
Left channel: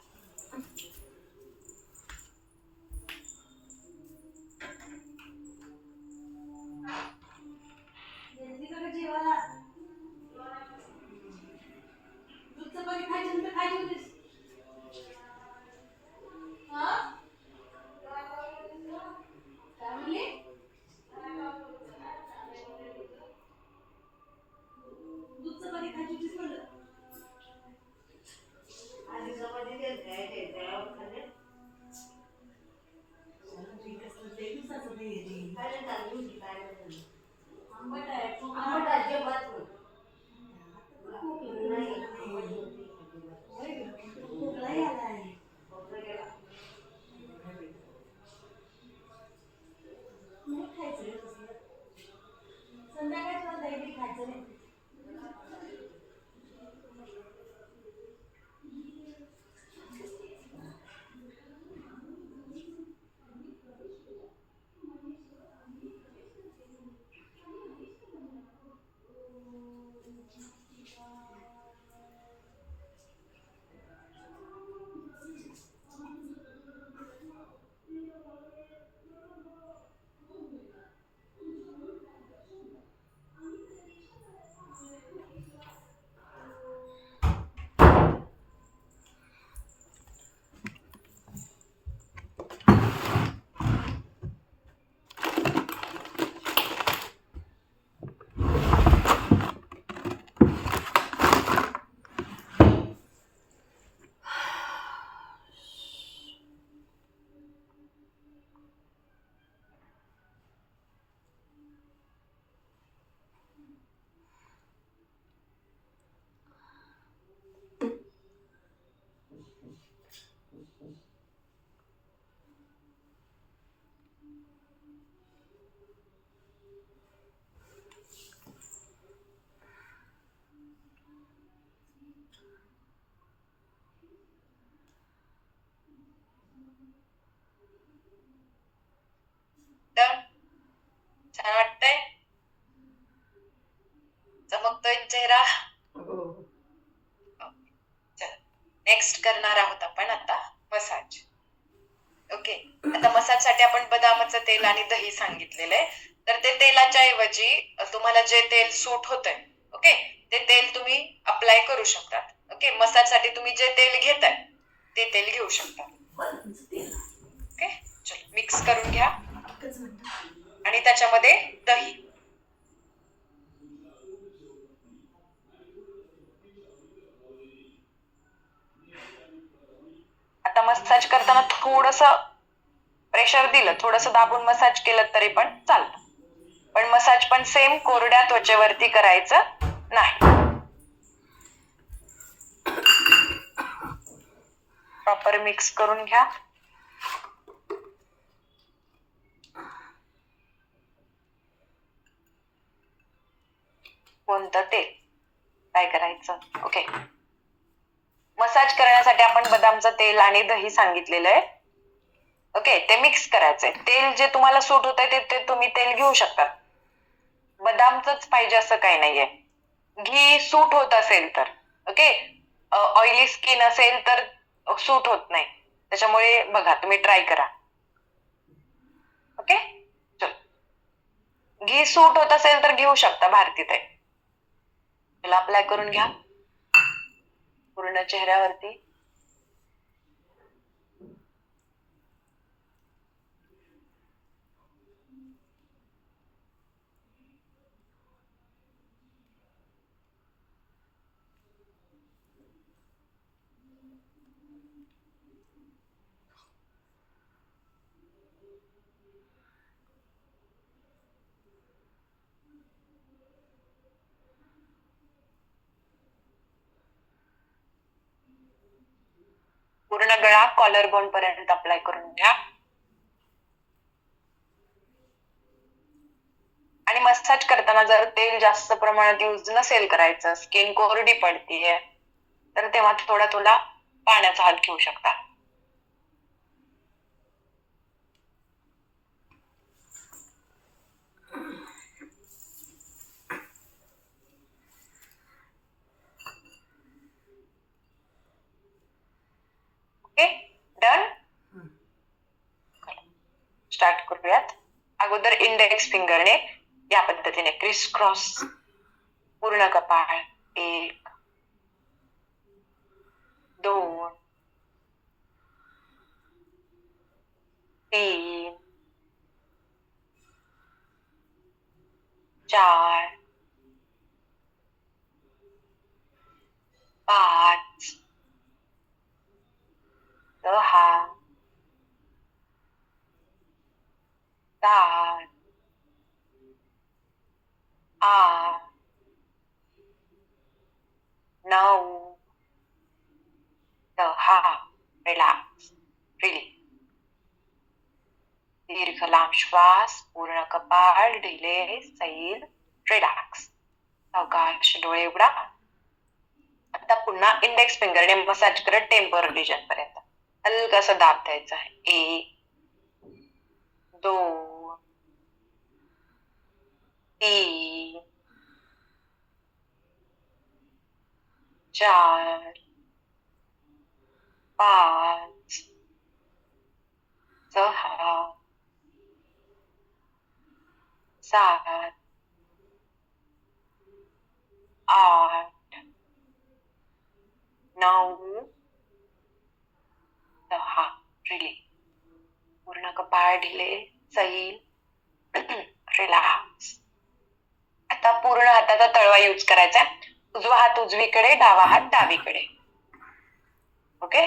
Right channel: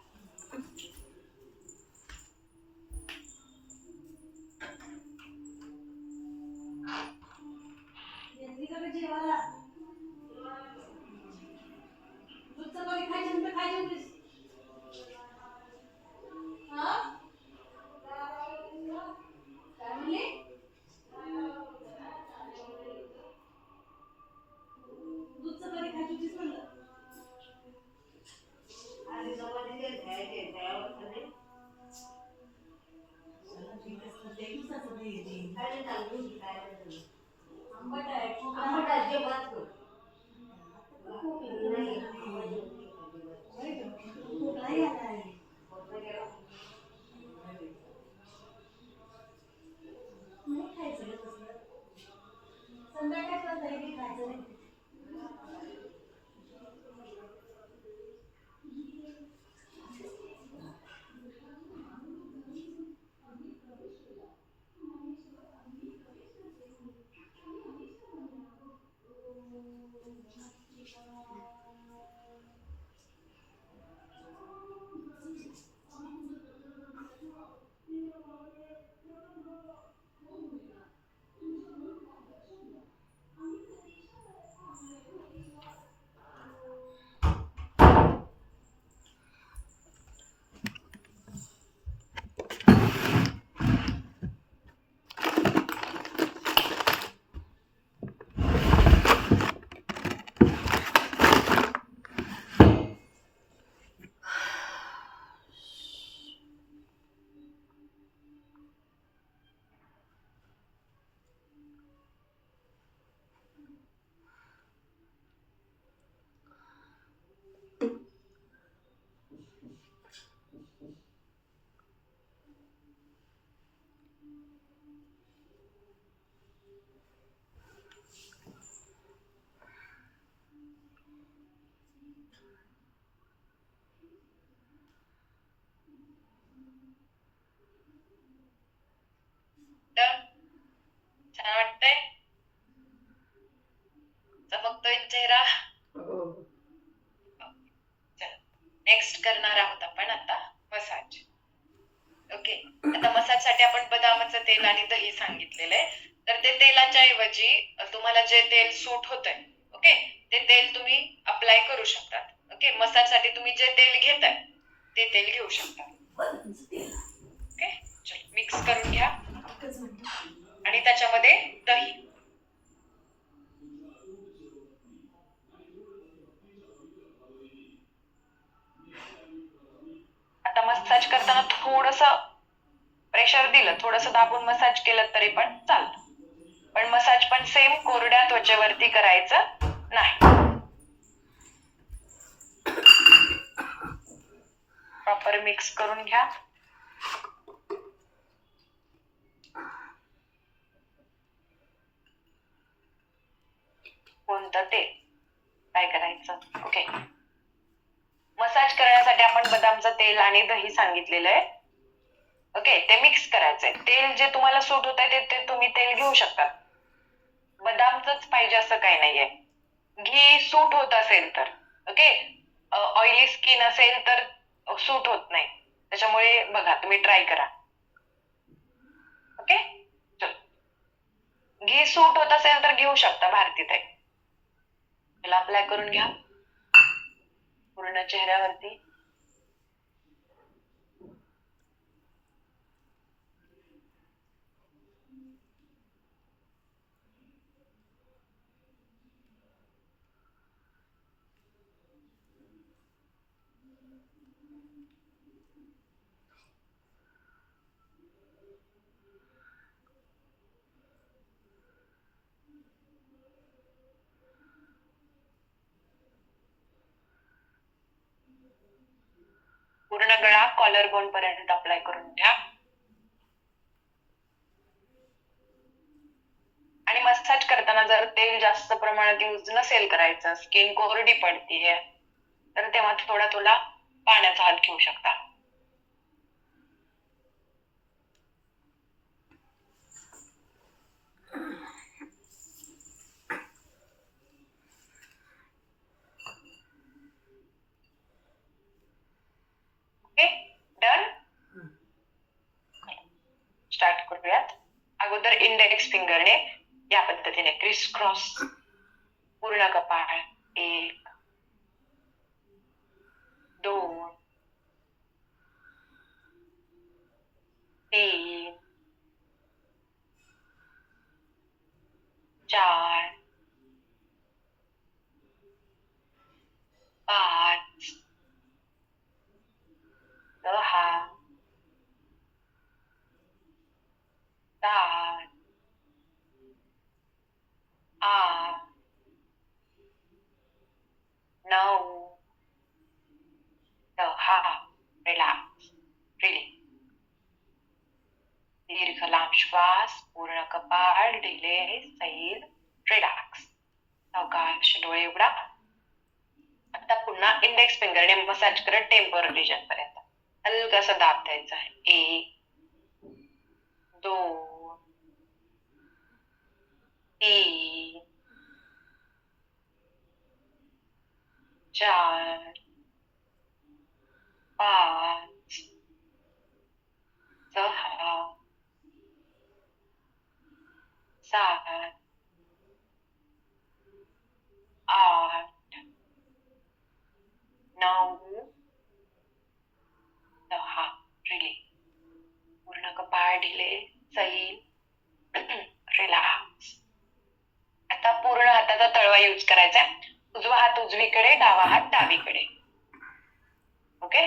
छान वाटतंय? चमकतोय चेहरा? नेक्स्ट करणार आहोत आपण आता मसाज. ओके, आता मसाज साठी आपण बदामाचं तेल आणि दही सांगितलेलं आहे. तर ते तेलाच्या ऐवजी तुम्हाला जे तेल सूट होतंय, ओके, ते तेल तुम्ही अप्लाय करू शकतात. ओके, मसाज साठी तुम्ही जे तेल घेताय ते तेल घेऊ शकता. ओके, चलो मिक्स करून घ्या आणि त्याच्यामध्ये दही. आता मसाज करताना थोडंसं प्रेशर दिलं, थोडंसं दाबून मसाज केलं तरी पण चालतं. पण मसाज पण सेम कोरड्या त्वचेवरती करायचं नाही. प्रॉपर मिक्स करून घ्या. कोणतं तेल काय करायचं? ओके, मसाज करण्यासाठी आपण बदामचं तेल आणि दही सांगितलेलं आहे. ओके, ते मिक्स करायचंय. तेल जे तुम्हाला सूट होत आहे ते तुम्ही तेल घेऊ शकता. बदामचंच पाहिजे असं काही नाहीये. घी सूट होत असेल तर, ओके, ऑइली स्किन असेल तर सूट होत नाही. त्याच्यामुळे बघा, तुम्ही ट्राय करा. ओके, चल. घी सूट होत असेल तर घेऊ शकता भारती ताई. त्याला अप्लाय करून घ्या. पूर्ण चेहऱ्यावरती. पूर्ण गळा कॉलर बोन पर्यंत अप्लाय करून घ्या. आणि मसाज करताना जर तेल जास्त प्रमाणात यूज नसेल करायचं, स्किन कोरडी पडतीये, तर तेव्हा थोडा तुला पाण्याचा हात घेऊ शकता. Okay, done. स्टार्ट करूयात. अगोदर इंडेक्स फिंगरने या पद्धतीने क्रिस क्रॉस पूर्ण कपाळ. 1 2 3 4 5 6 7 8 9 10. रिलॅक्स. रिलीज. दीर्घ लांब श्वास. पूर्ण कपाळ ढिले सैल. रिलॅक्स. सावकाश डोळे उघडा. आता पुन्हा इंडेक्स फिंगरने मसाज करत टेम्पोरल रिजन पर्यंत हलकासा दाब द्यायचा आहे. 1 2 3 4 5 6 7 8 9 10. रिलीज. पूर्ण कपाळ ढिले सैल. रिलॅक्स. आता पूर्ण हाताचा तळवा यूज करायचा. उजवा हात उजवीकडे, डावा हात डावीकडे. ओके.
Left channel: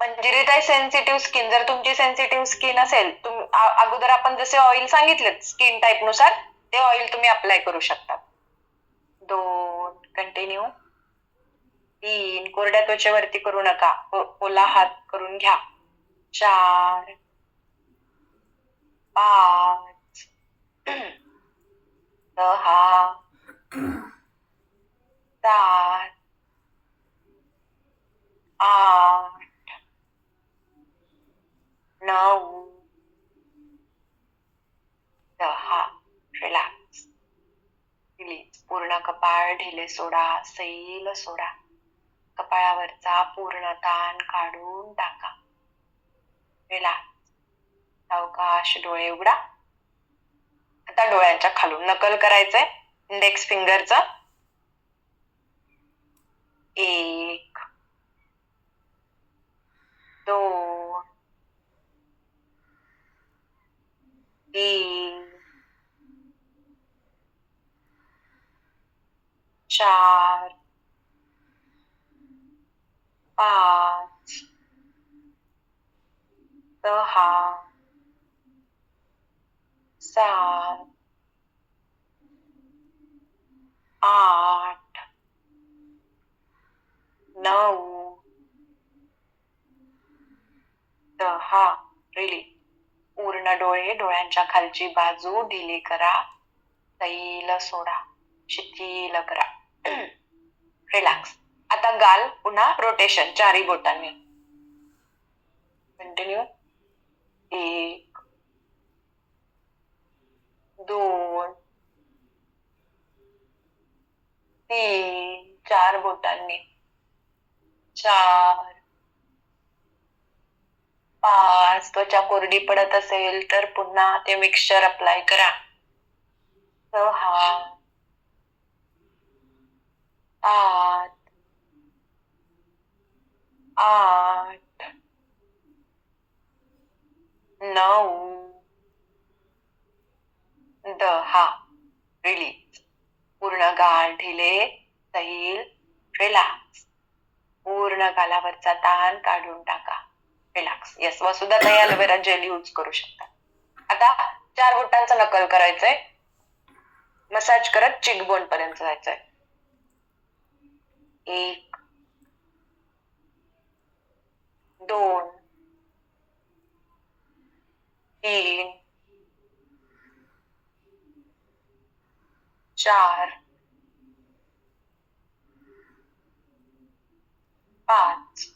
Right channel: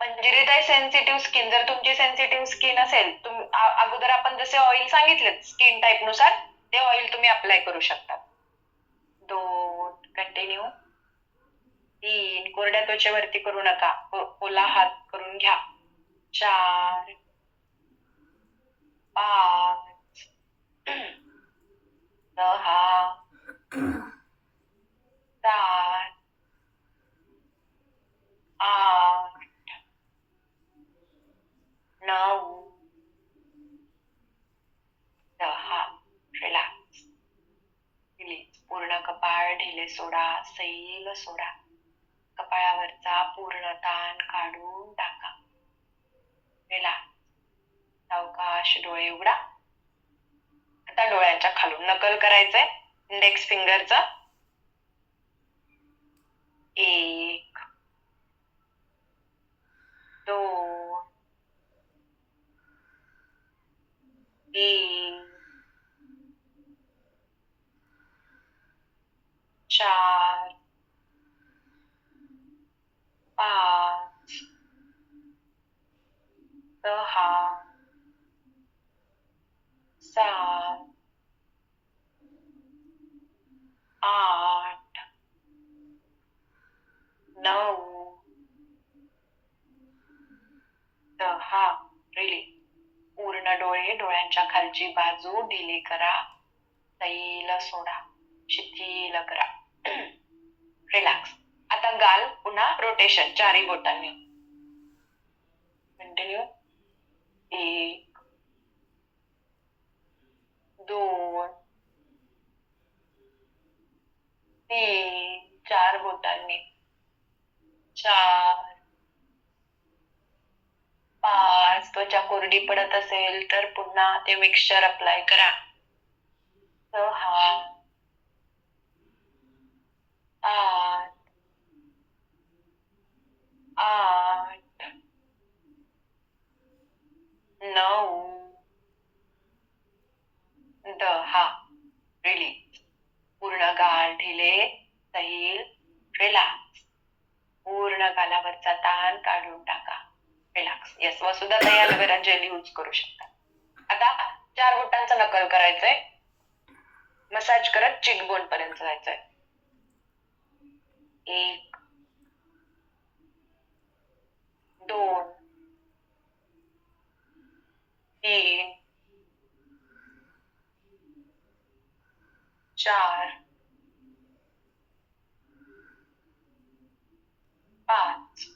मंजिरीताई सेन्सिटिव्ह स्किन, जर तुमची सेन्सिटिव्ह स्किन असेल, अगोदर आपण जसे ऑइल सांगितले स्किन टाईप नुसार ते ऑइल तुम्ही अप्लाय करू शकता. 2 कंटिन्यू. 3 कोरड्या त्वचेवरती करू नका, ओला हात करून घ्या. 4 5 6 7 8 9 10. रिलॅक्स. रिलीज. पूर्ण कपाळ ढिले सोडा सैल सोडा. कपाळावरचा पूर्ण ताण काढून टाका. रिलॅक्स. सावकाश डोळे उघडा. आता डोळ्यांच्या खालून नकल करायचंय इंडेक्स फिंगरचं. 1 2 3 4 5 6 7 8 9 10. रिलीज. पूर्ण डोळे, डोळ्यांच्या खालची बाजू ढिली करा. सैल सोडा. शिथिल करा. रिलॅक्स. आता गाल पुन्हा रोटेशन 4 बोटांनी. कंटिन्यू. 1 2 3 4 बोटांनी. 4 5. त्वचा कोरडी पडत असेल तर पुन्हा ते मिक्सचर अप्लाय करा. 6 8 9 10 रिलीज. पूर्ण गाल ढिले, सैल, रिलॅक्स. पूर्ण गालावरचा ताण काढून टाका. रिलॅक्स. येस, वसुधा ताई ॲलोवेरा जेल यूज करू शकता. आता 4 बोटांचं नकल करायचंय. मसाज करत चिकबोन पर्यंत जायचंय. 1 2 3 4 5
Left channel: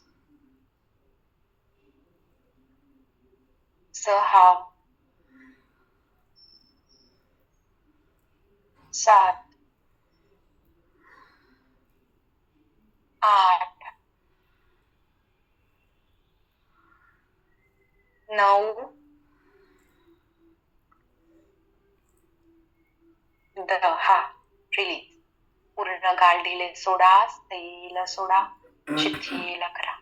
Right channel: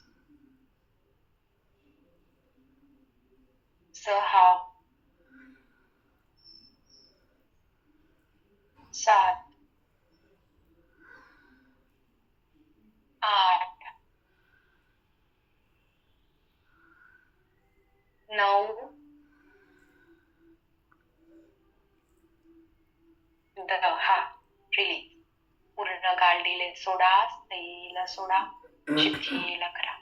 6 7 8 9 10 रिलीज. पूर्ण गाल ढिले सोडा, सैल सोडा, शिथिल करा.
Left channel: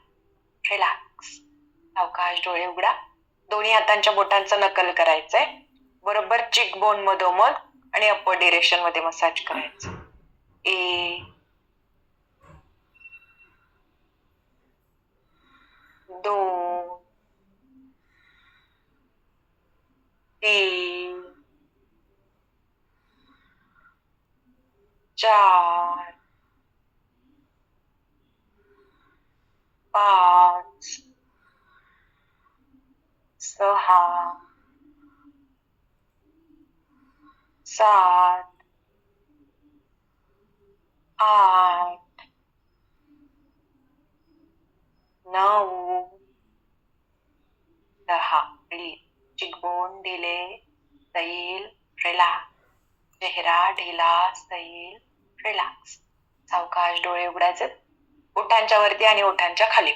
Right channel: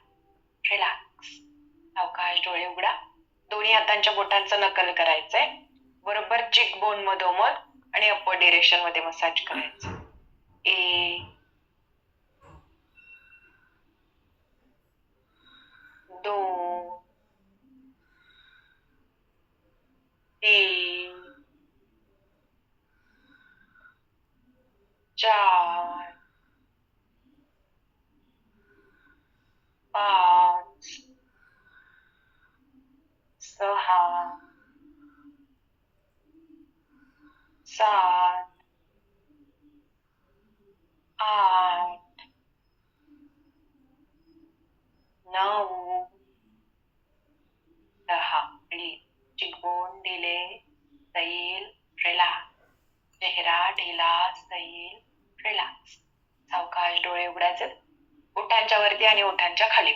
रिलॅक्स. सावकाश डोळे उघडा. दोन्ही हातांच्या बोटांचं नकल करायचंय. बरोबर चिक बोन मधोमध आणि अपर डिरेक्शन मध्ये मसाज करायचं. 1 2 3 4 5 6 7 8 9 10 रिलीज. चिकबोन ढिले, सैल, रिलॅक्स. चेहरा ढिला, सैल, रिलॅक्स. सावकाश डोळे उघडायचे. ओठांच्या वरती आणि ओठांच्या खाली.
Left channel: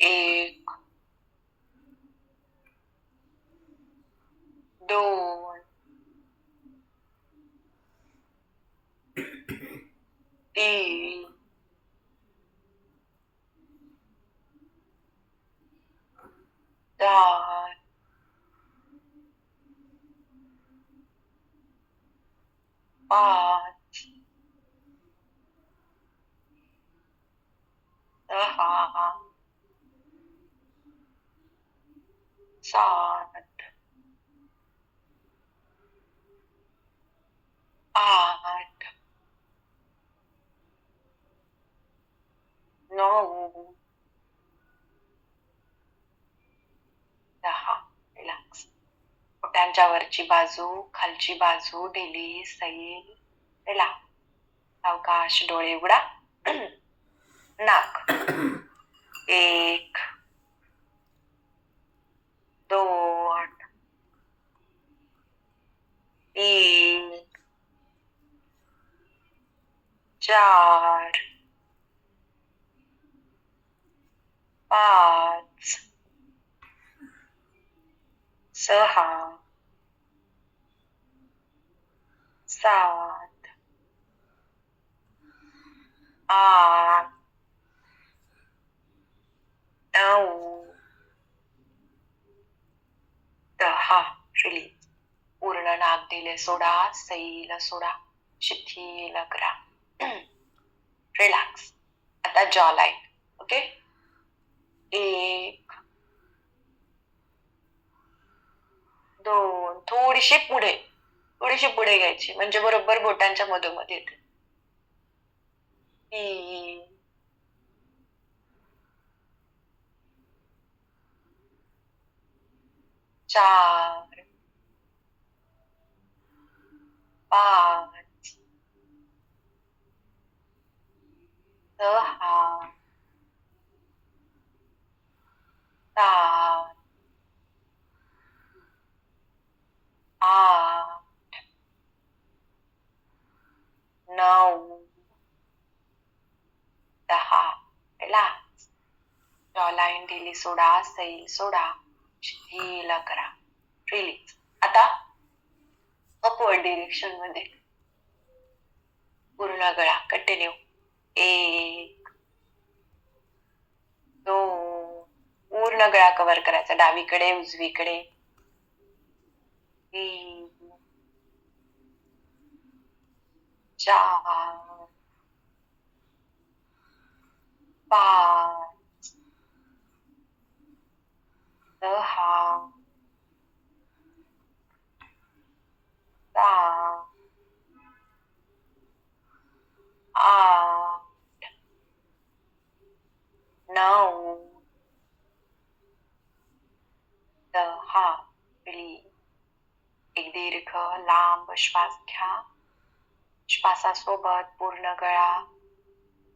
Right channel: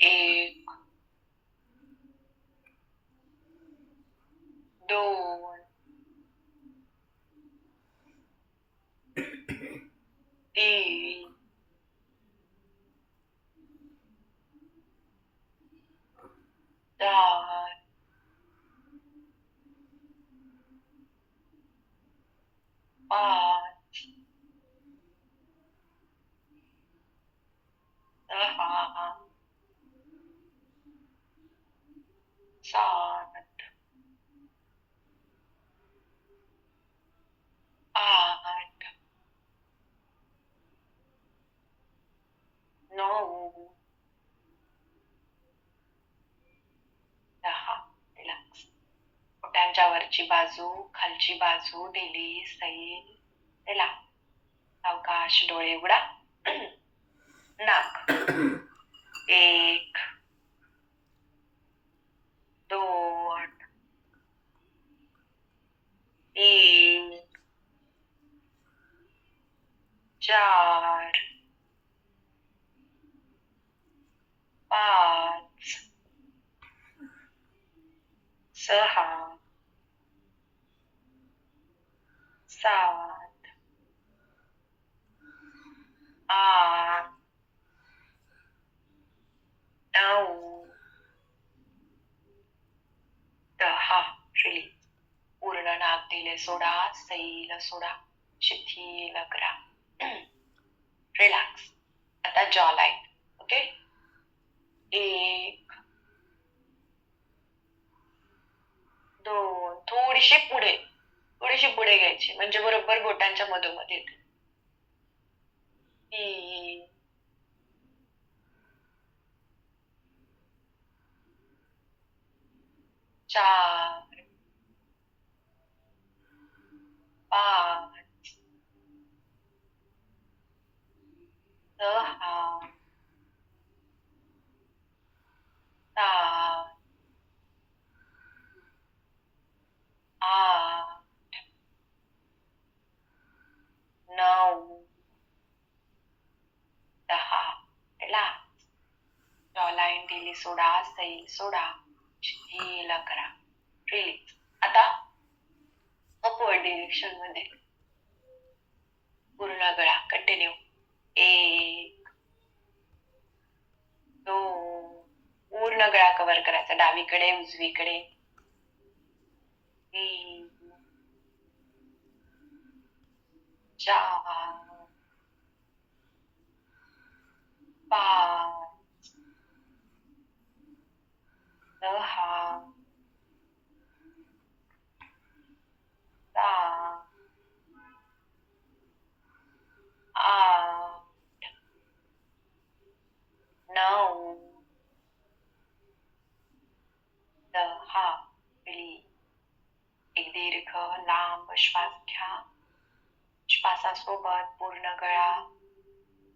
1 2 3 4 5 6 7 8 9 10 रिलॅक्स. पोटांच्या वरची बाजू, खालची बाजू ढिली, सैल, रिलॅक्स. सावकाश डोळे उघडा. नाक. 1 2 3 4 5 6 7 8 9 10 रिलीज. पूर्ण नाक दिले सोडा, सैल सोडा, शिथिल करा. रिलॅक्स. आता जॉ लाईन. ओके. 1 2 थोडीशी पुढे घ्यायची म्हणजे बरोबर बोटांच्या मधोमध येते. 3 4 5 6 7 8 9 10 रिलॅक्स. जॉ लाईन दिली सोडा, सैल सोडा, शिथिल करा. रिलीज. आता अपवर्ड डिरेक्शन मध्ये पूर्ण गळा कंटिन्यू. 1 2 पूर्ण गळा कव्हर करायचा, डावीकडे उजवीकडे. 3 4 5 6 7 8 9 10. रिलीज. एक दीर्घ लांब श्वास घ्या. श्वासासोबत पूर्ण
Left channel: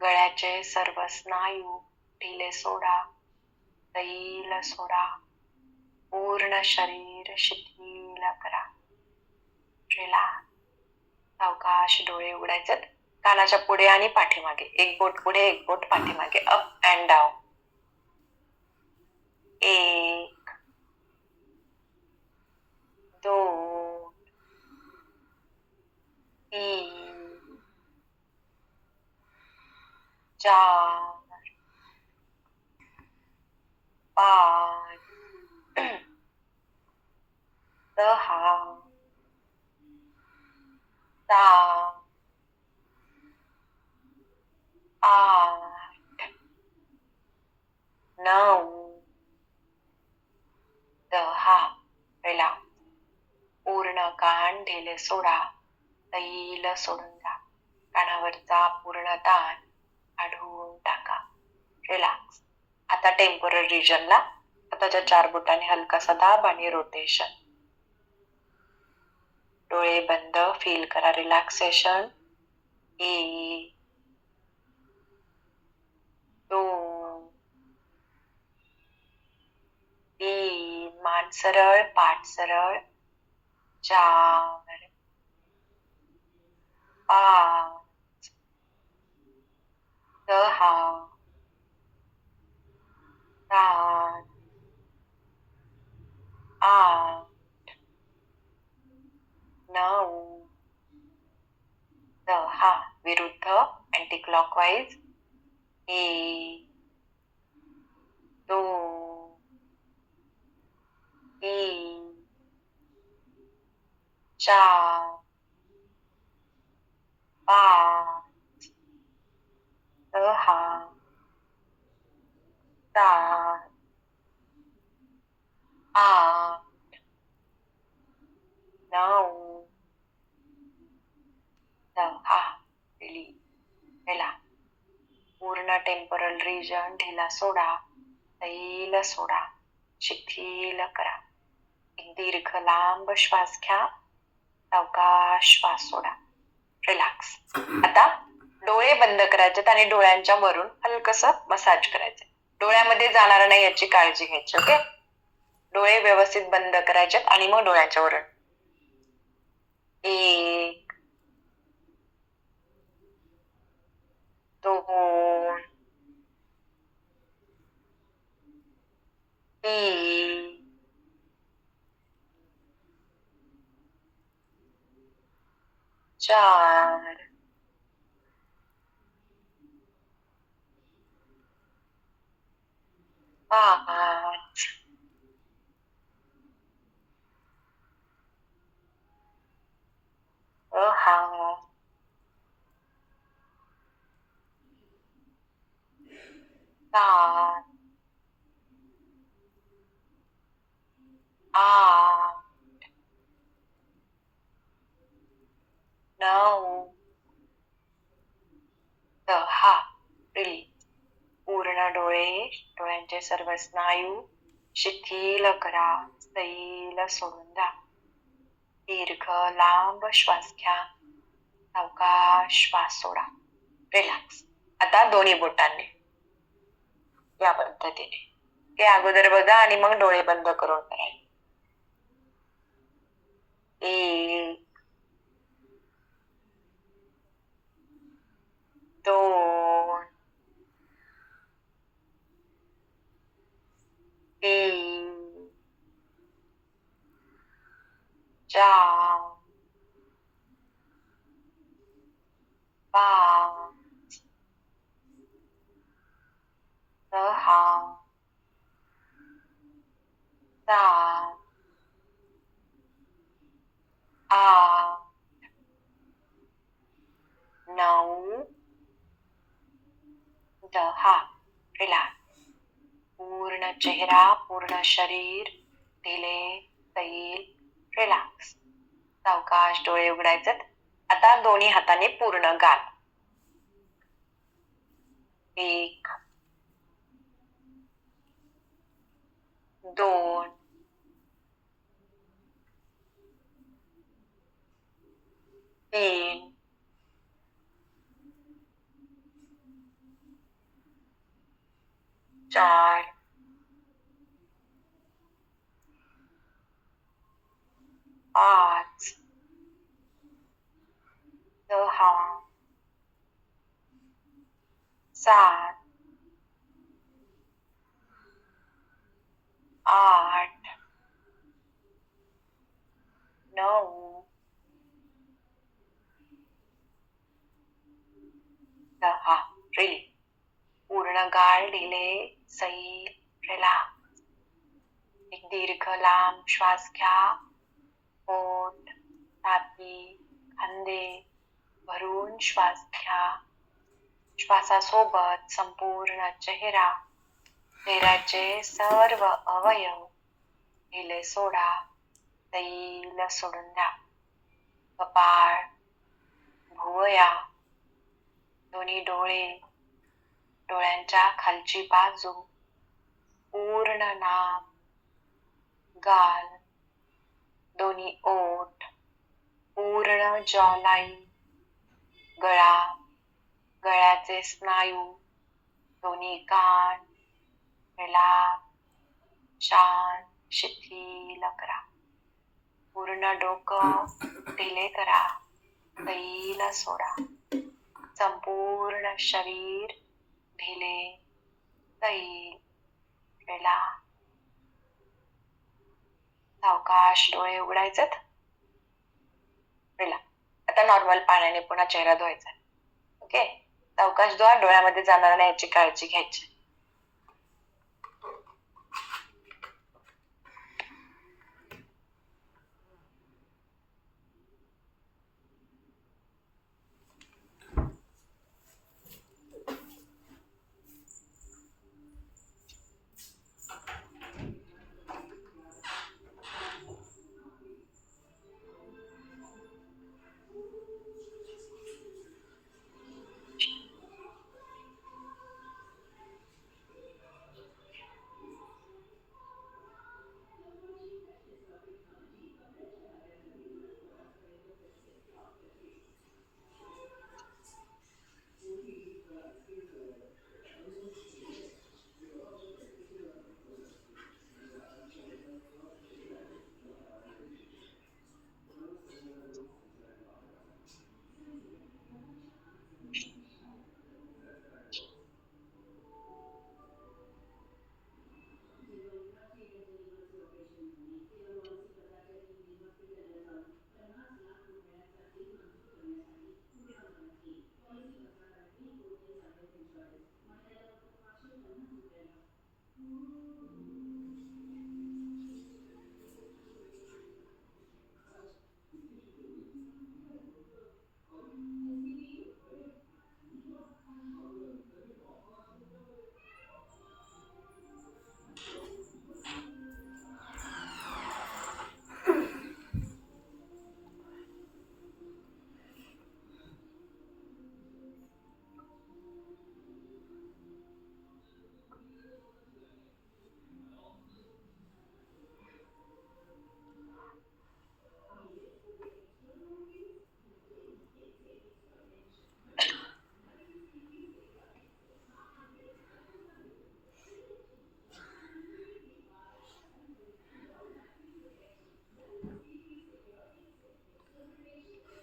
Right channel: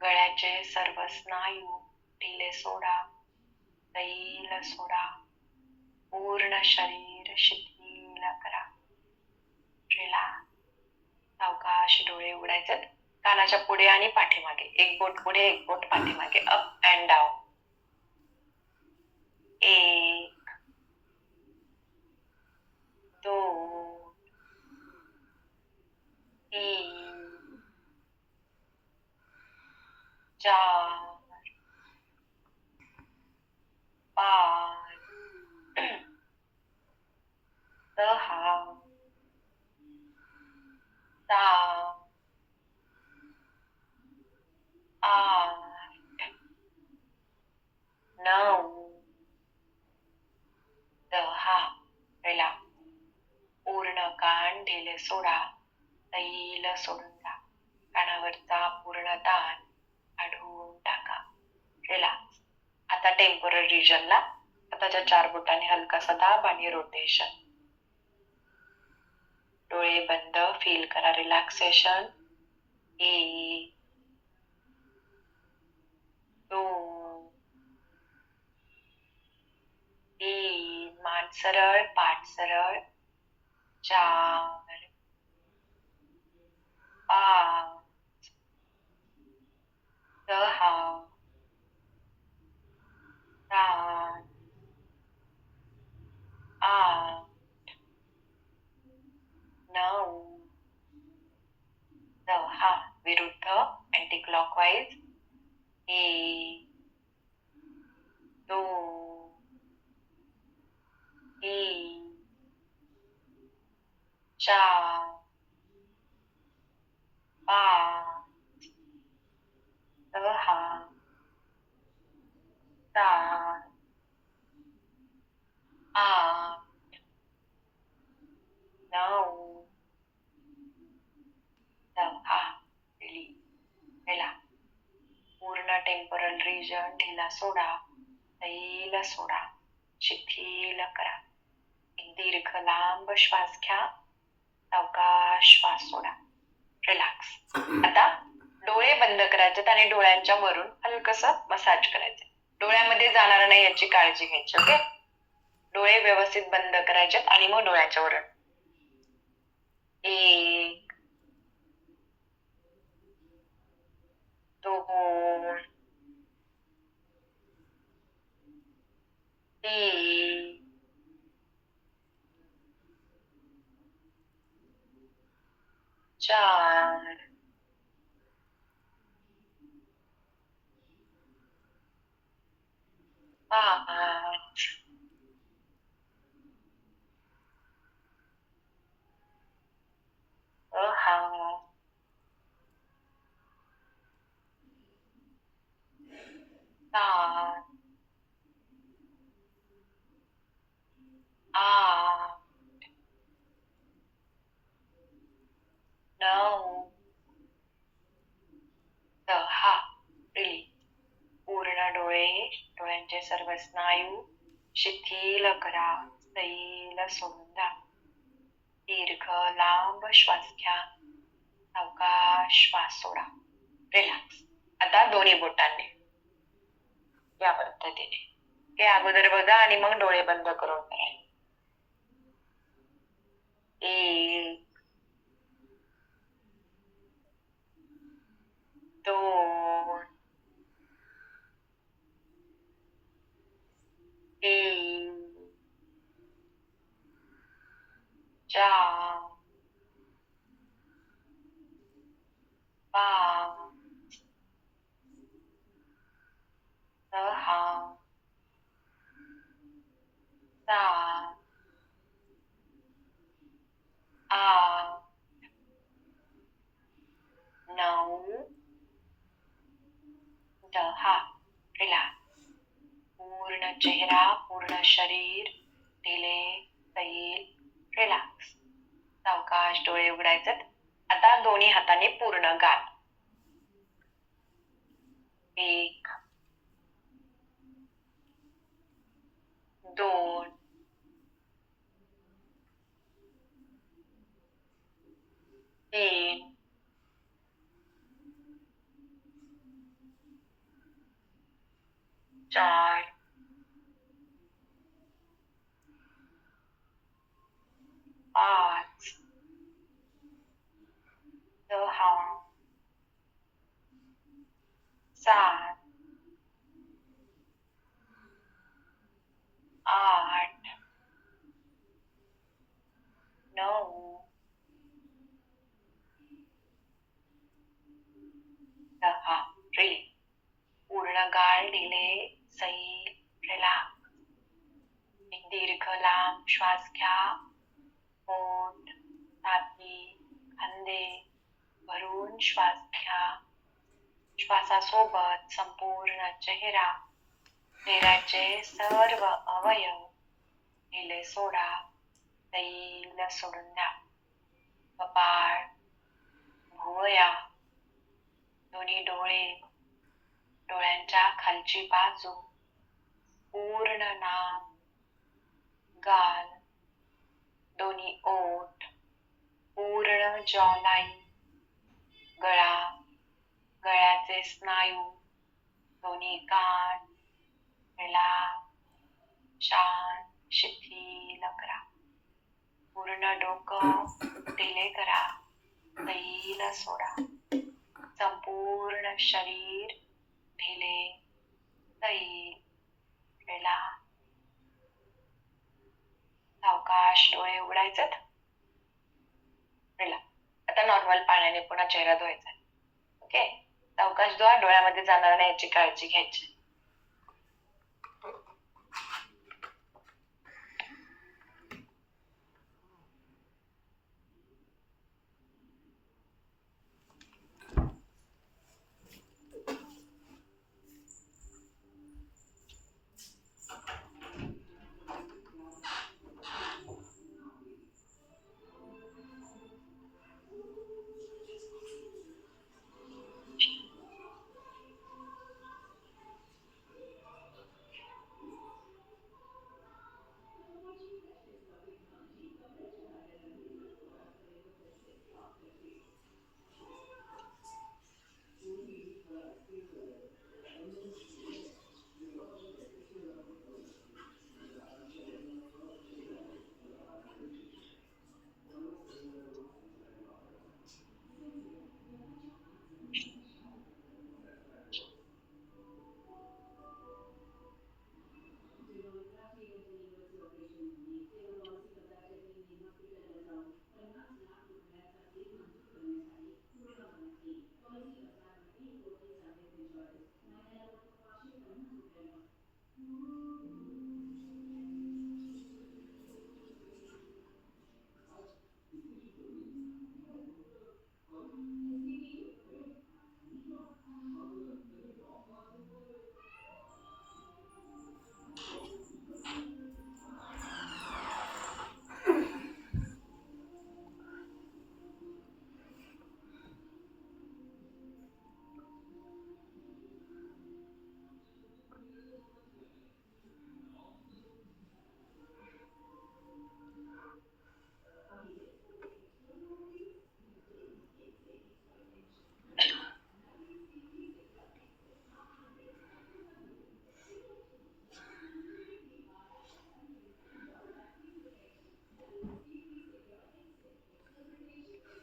गळ्याचे सर्व स्नायू ढिले सोडा, सैल सोडा. पूर्ण शरीर शिथिल करा. रिलॅक्स. सावकाश डोळे उघडायचे. कानाच्या पुढे आणि पाठीमागे, एक बोट पुढे एक बोट पाठीमागे, अप अँड डाऊन. 1 2 3 4 5 6 7 8 9 10. रिलॅक्स. पूर्ण कान ढिले सोडा, सैल सोडून द्या. कानावरचा पूर्ण ताण काढून टाका. रिलॅक्स. आता टेम्पोरल रिजनला हाताच्या 4 बोटांनी हलकासा दाब आणि रोटेशन. डोळे बंद, फील करा रिलॅक्सेशन. 1 2 3 मान सरळ, पाठ सरळ. 4 5 6 7 8 9 10. विरुद्ध अँटी क्लॉकवाईज. 1 2 3 4 5 6 7 8 9 10. रिलीज. रिलॅक्स. पूर्ण टेम्पोरल रिजन ढिला सोडा, सैल सोडा, शिथिल करा. एक दीर्घ लांब श्वास घ्या. सावकाश श्वास सोडा. रिलॅक्स. आता डोळे बंद करायचे आणि डोळ्यांच्या वरून हलकसं मसाज करायचे. डोळ्यामध्ये जाणार नाही याची काळजी घ्यायची. ओके. डोळे व्यवस्थित बंद करायचे आणि मग डोळ्याच्या वरून. 1 2 3 4 5 6 7 8 9 10. रिलीज. पूर्ण डोळ्यांचे सर्व स्नायू शिथिल करा, सैल सोडून द्या. दीर्घ लांब श्वास घ्या. सावकाश श्वास सोडा. रिलॅक्स. आता दोन्ही बोटांनी या पद्धतीने ते अगोदर बघा आणि मग डोळे बंद करून करायचे. 1 2 3 4 5 6 शरीर ढिले सैल रिलॅक्स. सावकाश डोळे उघडायचे. आता दोन्ही हाताने पूर्ण गाल. 1 2 3 4 5 6 7 8 9 10. रिली. पूर्ण गाल ढिले सैल रिलॅक्स. एक दीर्घ लांब श्वास घ्या. पोट, छाती, खांदे भरून श्वास घ्या. श्वासासोबत संपूर्ण चेहऱ्याचे सर्व अवयव ढिले सोडा. सैल सोडून द्या. कपाळ, भुवया, दोन्ही डोळे, डोळ्यांच्या खालची बाजू, पूर्ण नाक, गाल, दोन्ही ओठ, पूर्ण जॉलाइन, गळा, गळ्याचे स्नायू, दोन्ही कान, रिलॅक्स, शांत, शिथिल करा. पूर्ण डोकं ढिले करा. सैल सोडा. संपूर्ण शरीर ढिले सैल रिलॅक्स. सावकाश डोळे उघडायचे. रिलॅक्स. आता नॉर्मल पाण्याने पुन्हा चेहरा धुवायचा. ओके. सावकाश धुवा. डोळ्यामध्ये जाणार नाही याची काळजी घ्यायची.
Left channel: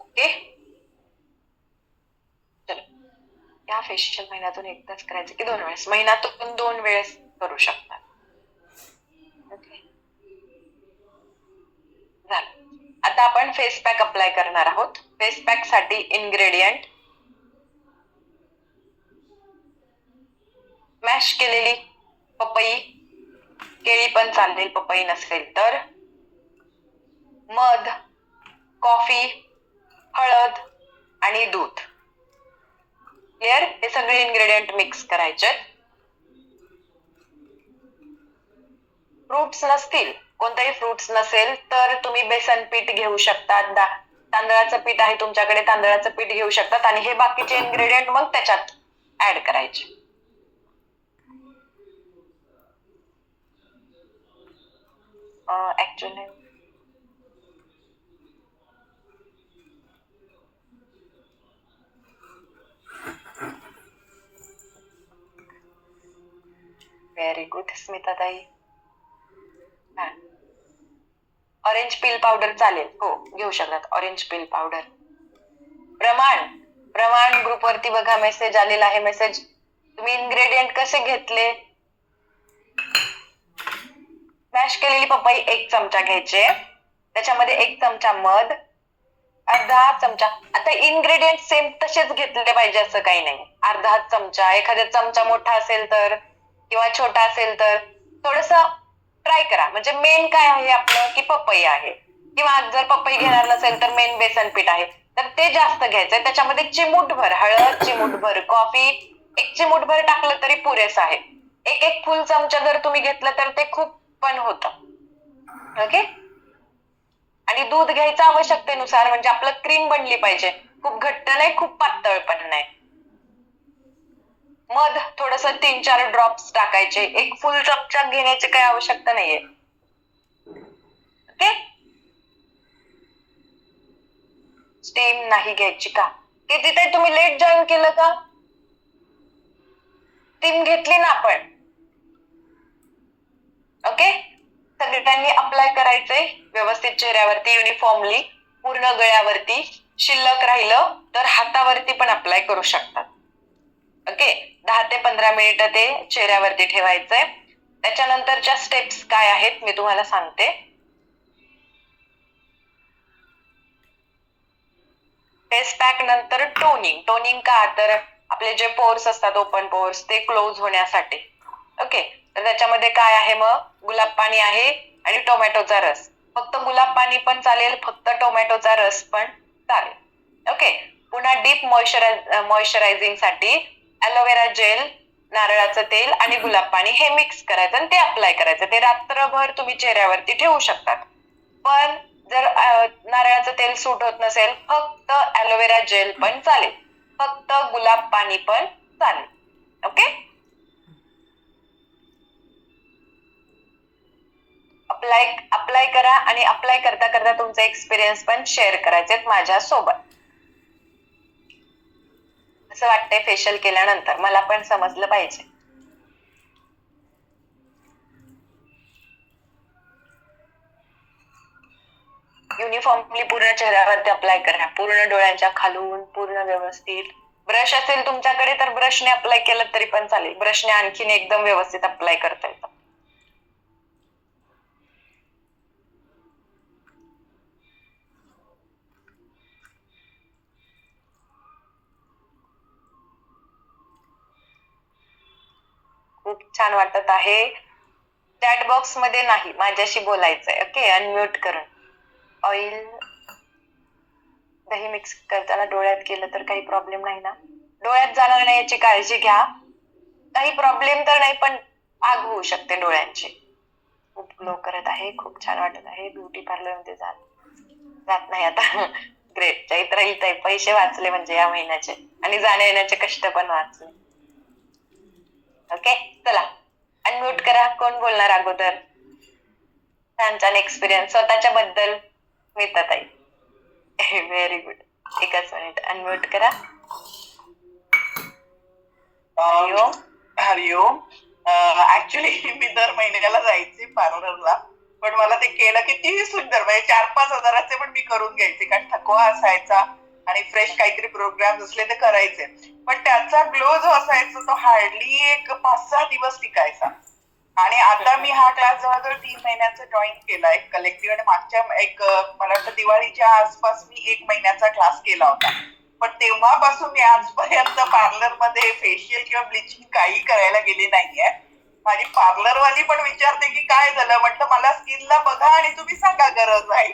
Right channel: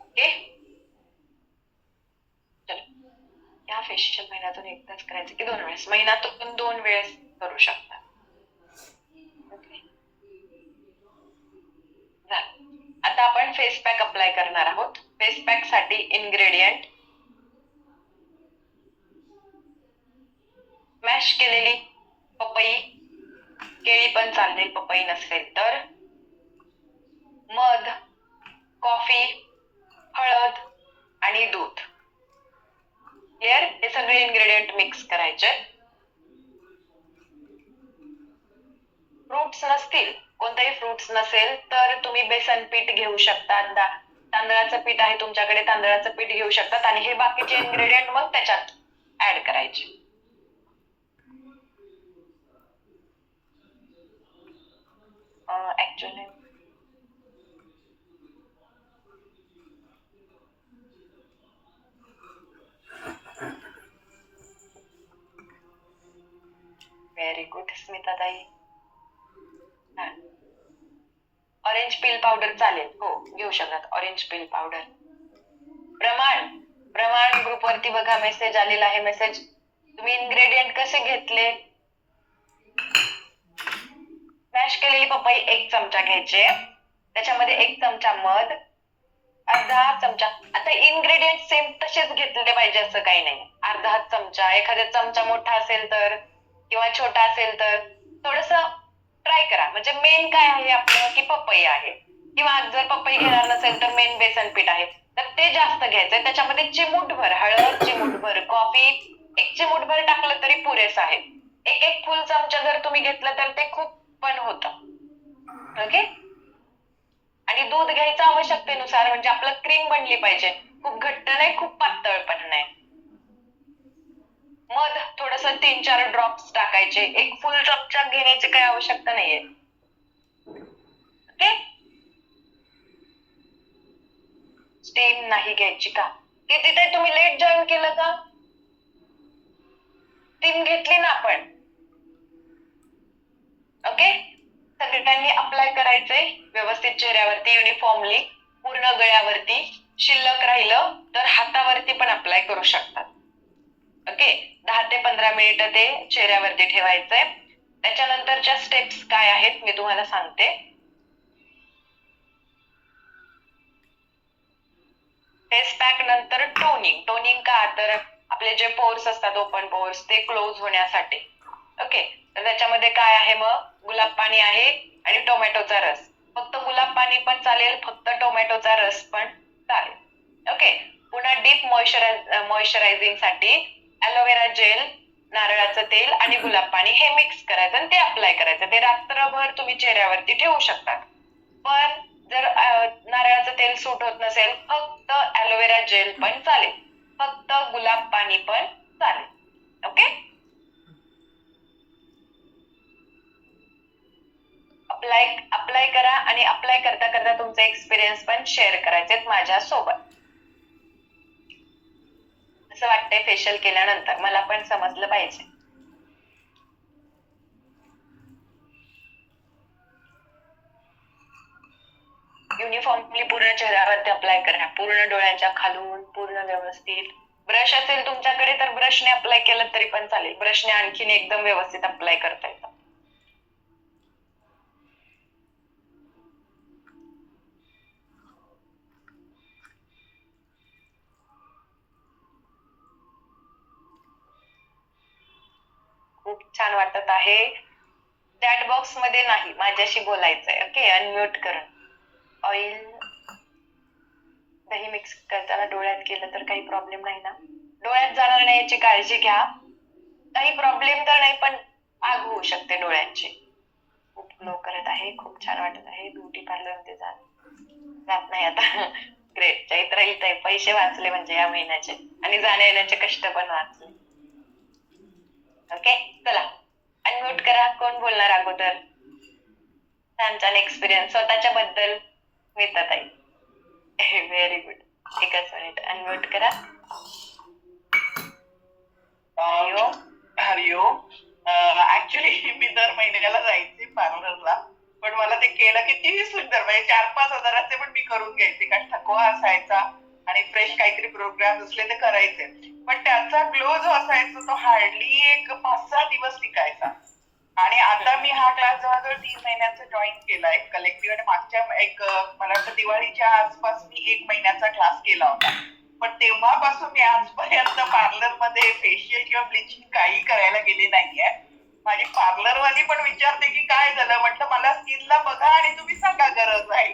ओके. चलो. या फेशियल महिन्यातून एकदाच करायचं की 2 वेळेस? महिन्यातून 2 वेळेस करू शकतात. ओके. झालं. आता आपण फेस पॅक अप्लाय करणार आहोत. फेस पॅक साठी इन्ग्रेडियंट: मॅश केलेली पपई, केळी पण चालेल पपई नसेल तर, मध, कॉफी, हळद आणि दूध. क्लिअर? हे सगळे इन्ग्रेडियंट मिक्स करायचे. फ्रुट्स नसतील, कोणताही फ्रुट्स नसेल तर तुम्ही बेसन पीठ घेऊ शकतात. तांदळाचं पीठ आहे तुमच्याकडे, तांदळाचं पीठ घेऊ शकतात आणि हे बाकीचे इन्ग्रेडियंट मग त्याच्यात ऍड करायचे. ऍक्च्युली व्हेरी गुड स्मिताताई. ऑरेंज पील पावडर चालेल, हो घेऊ शकतात ऑरेंज पील पावडर. प्रमाण प्रमाण ग्रुपवरती बघा मेसेज आलेला आहे. मेसेज तुम्ही इन्ग्रेडियंट कसे घेतले. मॅश केलेली पपई 1 चमचा घ्यायचे, त्याच्यामध्ये 1 चमचा मध, अर्धा चमचा. आता इन्ग्रेडियंट सेम तसेच घेतले पाहिजे असं काही नाही. अर्धा चमचा, एखादा चमचा मोठा असेल तर किंवा छोटा असेल तर थोडस ट्राय करा. म्हणजे मेन काय आहे आपलं की पपई आहे, किंवा जर पपई घेणार नसेल तर मेन बेसन पीठ आहे तर ते जास्त घ्यायचंय. त्याच्यामध्ये चिमूटभर हळद, चिमूटभर कॉफी, 1 चिमूटभर टाकलं तरी पुरेस आहे. एक फुल चमचा जर तुम्ही घेतलं तर ते खूप पण होतं. ओके. आणि दूध घ्यायचं आवश्यकतेनुसार, म्हणजे आपलं क्रीम बनली पाहिजे. खूप घट्ट नाही, खूप पातळ पण नाही. मध थोडस 3-4 ड्रॉप्स टाकायचे. 1 फुल चमचा घेण्याची काही आवश्यकता नाहीये. ओके. स्टीम नाही घ्यायची का? की तिथे तुम्ही लेट जॉईन केलं का? स्टीम घेतली ना आपण. ओके. सगळ्यांनी अप्लाय करायचंय व्यवस्थित चेहऱ्यावरती युनिफॉर्मली, पूर्ण गळ्यावरती. शिल्लक राहिलं तर हातावरती पण अप्लाय करू शकतात. ओके. 10 ते 15 मिनिटं ते चेहऱ्यावरती ठेवायचंय. त्याच्यानंतरच्या स्टेप्स काय आहेत मी तुम्हाला सांगते. फेस पॅक नंतर टोनिंग. टोनिंग का तर आपले जे पोर्स असतात, ओपन पोर्स, ते क्लोज होण्यासाठी. ओके. तर त्याच्यामध्ये काय आहे मग, गुलाब पाणी आहे आणि टोमॅटोचा रस. फक्त गुलाब पाणी पण चालेल, फक्त टोमॅटोचा रस पण चालेल. ओके. पुन्हा डीप मॉइश्चरायझिंग साठी ॲलोवेरा जेल, नारळाचं तेल आणि गुलाब पाणी हे मिक्स करायचं आणि ते अप्लाय करायचं. ते रात्रभर तुम्ही चेहऱ्यावरती ठेवू शकतात. पण जर नारळाचं तेल सूट होत नसेल, फक्त ॲलोवेरा जेल पण चालेल, फक्त गुलाब पाणी पण चालेल. ओके. अप्लाय करा आणि अप्लाय करता करता तुमचे एक्सपिरियन्स पण शेअर करायचे माझ्या सोबत. असं वाटतंय फेशियल केल्यानंतर, मला पण समजलं पाहिजे. युनिफॉर्मली पूर्ण चेहऱ्यावरती अप्लाय करा, पूर्ण डोळ्यांच्या खालून पूर्ण व्यवस्थित. ब्रश असेल तुमच्याकडे तर ब्रशने अप्लाय केलं तरी पण चालेल. ब्रशने आणखीन एकदम व्यवस्थित अप्लाय करता येतं. खूप छान वाटत आहे. चॅट बॉक्स मध्ये नाही, माझ्याशी बोलायचंय. ओके. अनम्यूट करून. ऑइल दही मिक्स करताना डोळ्यात केलं तर काही प्रॉब्लेम नाही ना? डोळ्यात जाणार नाही याची काळजी घ्या. काही प्रॉब्लेम तर नाही, पण आग होऊ शकते डोळ्यांची. खूप ग्लो करत आहे, खूप छान वाटत आहे. ब्युटी पार्लर मध्ये जात नाही आता. ग्रेट. चैत्राई पैसे वाचले म्हणजे या महिन्याचे, आणि जाण्या येण्याचे कष्ट पण वाचले. ओके. चला अनम्यूट करा. कोण बोलणार अगोदर? छान छान एक्सपिरियन्स स्वतःच्या बद्दल स्मिताताई. Very good. एकच मिनिट अनम्यूट करा. हरिओम. हरिओम. ऍक्च्युली मी दर महिन्याला जायचे पार्लरला, पण मला ते केलं कितीही सुंदर, म्हणजे 4-5 हजाराचे पण मी करून घ्यायचे, कारण थकवा असायचा आणि फ्रेश काहीतरी प्रोग्राम असले तर करायचे. पण त्याचा ग्लो जो असायचा तो हार्डली एक 5-6 दिवस टिकायचा. आणि आता मी हा क्लास जवळजवळ 3 महिन्याचा जॉईन केलाय कलेक्टिव्ह, आणि मागच्या मला वाटतं दिवाळीच्या आसपास मी 1 महिन्याचा क्लास केला होता. पण तेव्हापासून मी आजपर्यंत पार्लर मध्ये फेशियल किंवा ब्लिचिंग काही करायला गेले नाहीये. माझी पार्लरवाली पण विचारते की काय झालं, म्हटलं मला स्किनला बघा आणि तुम्ही सांगा गरज आहे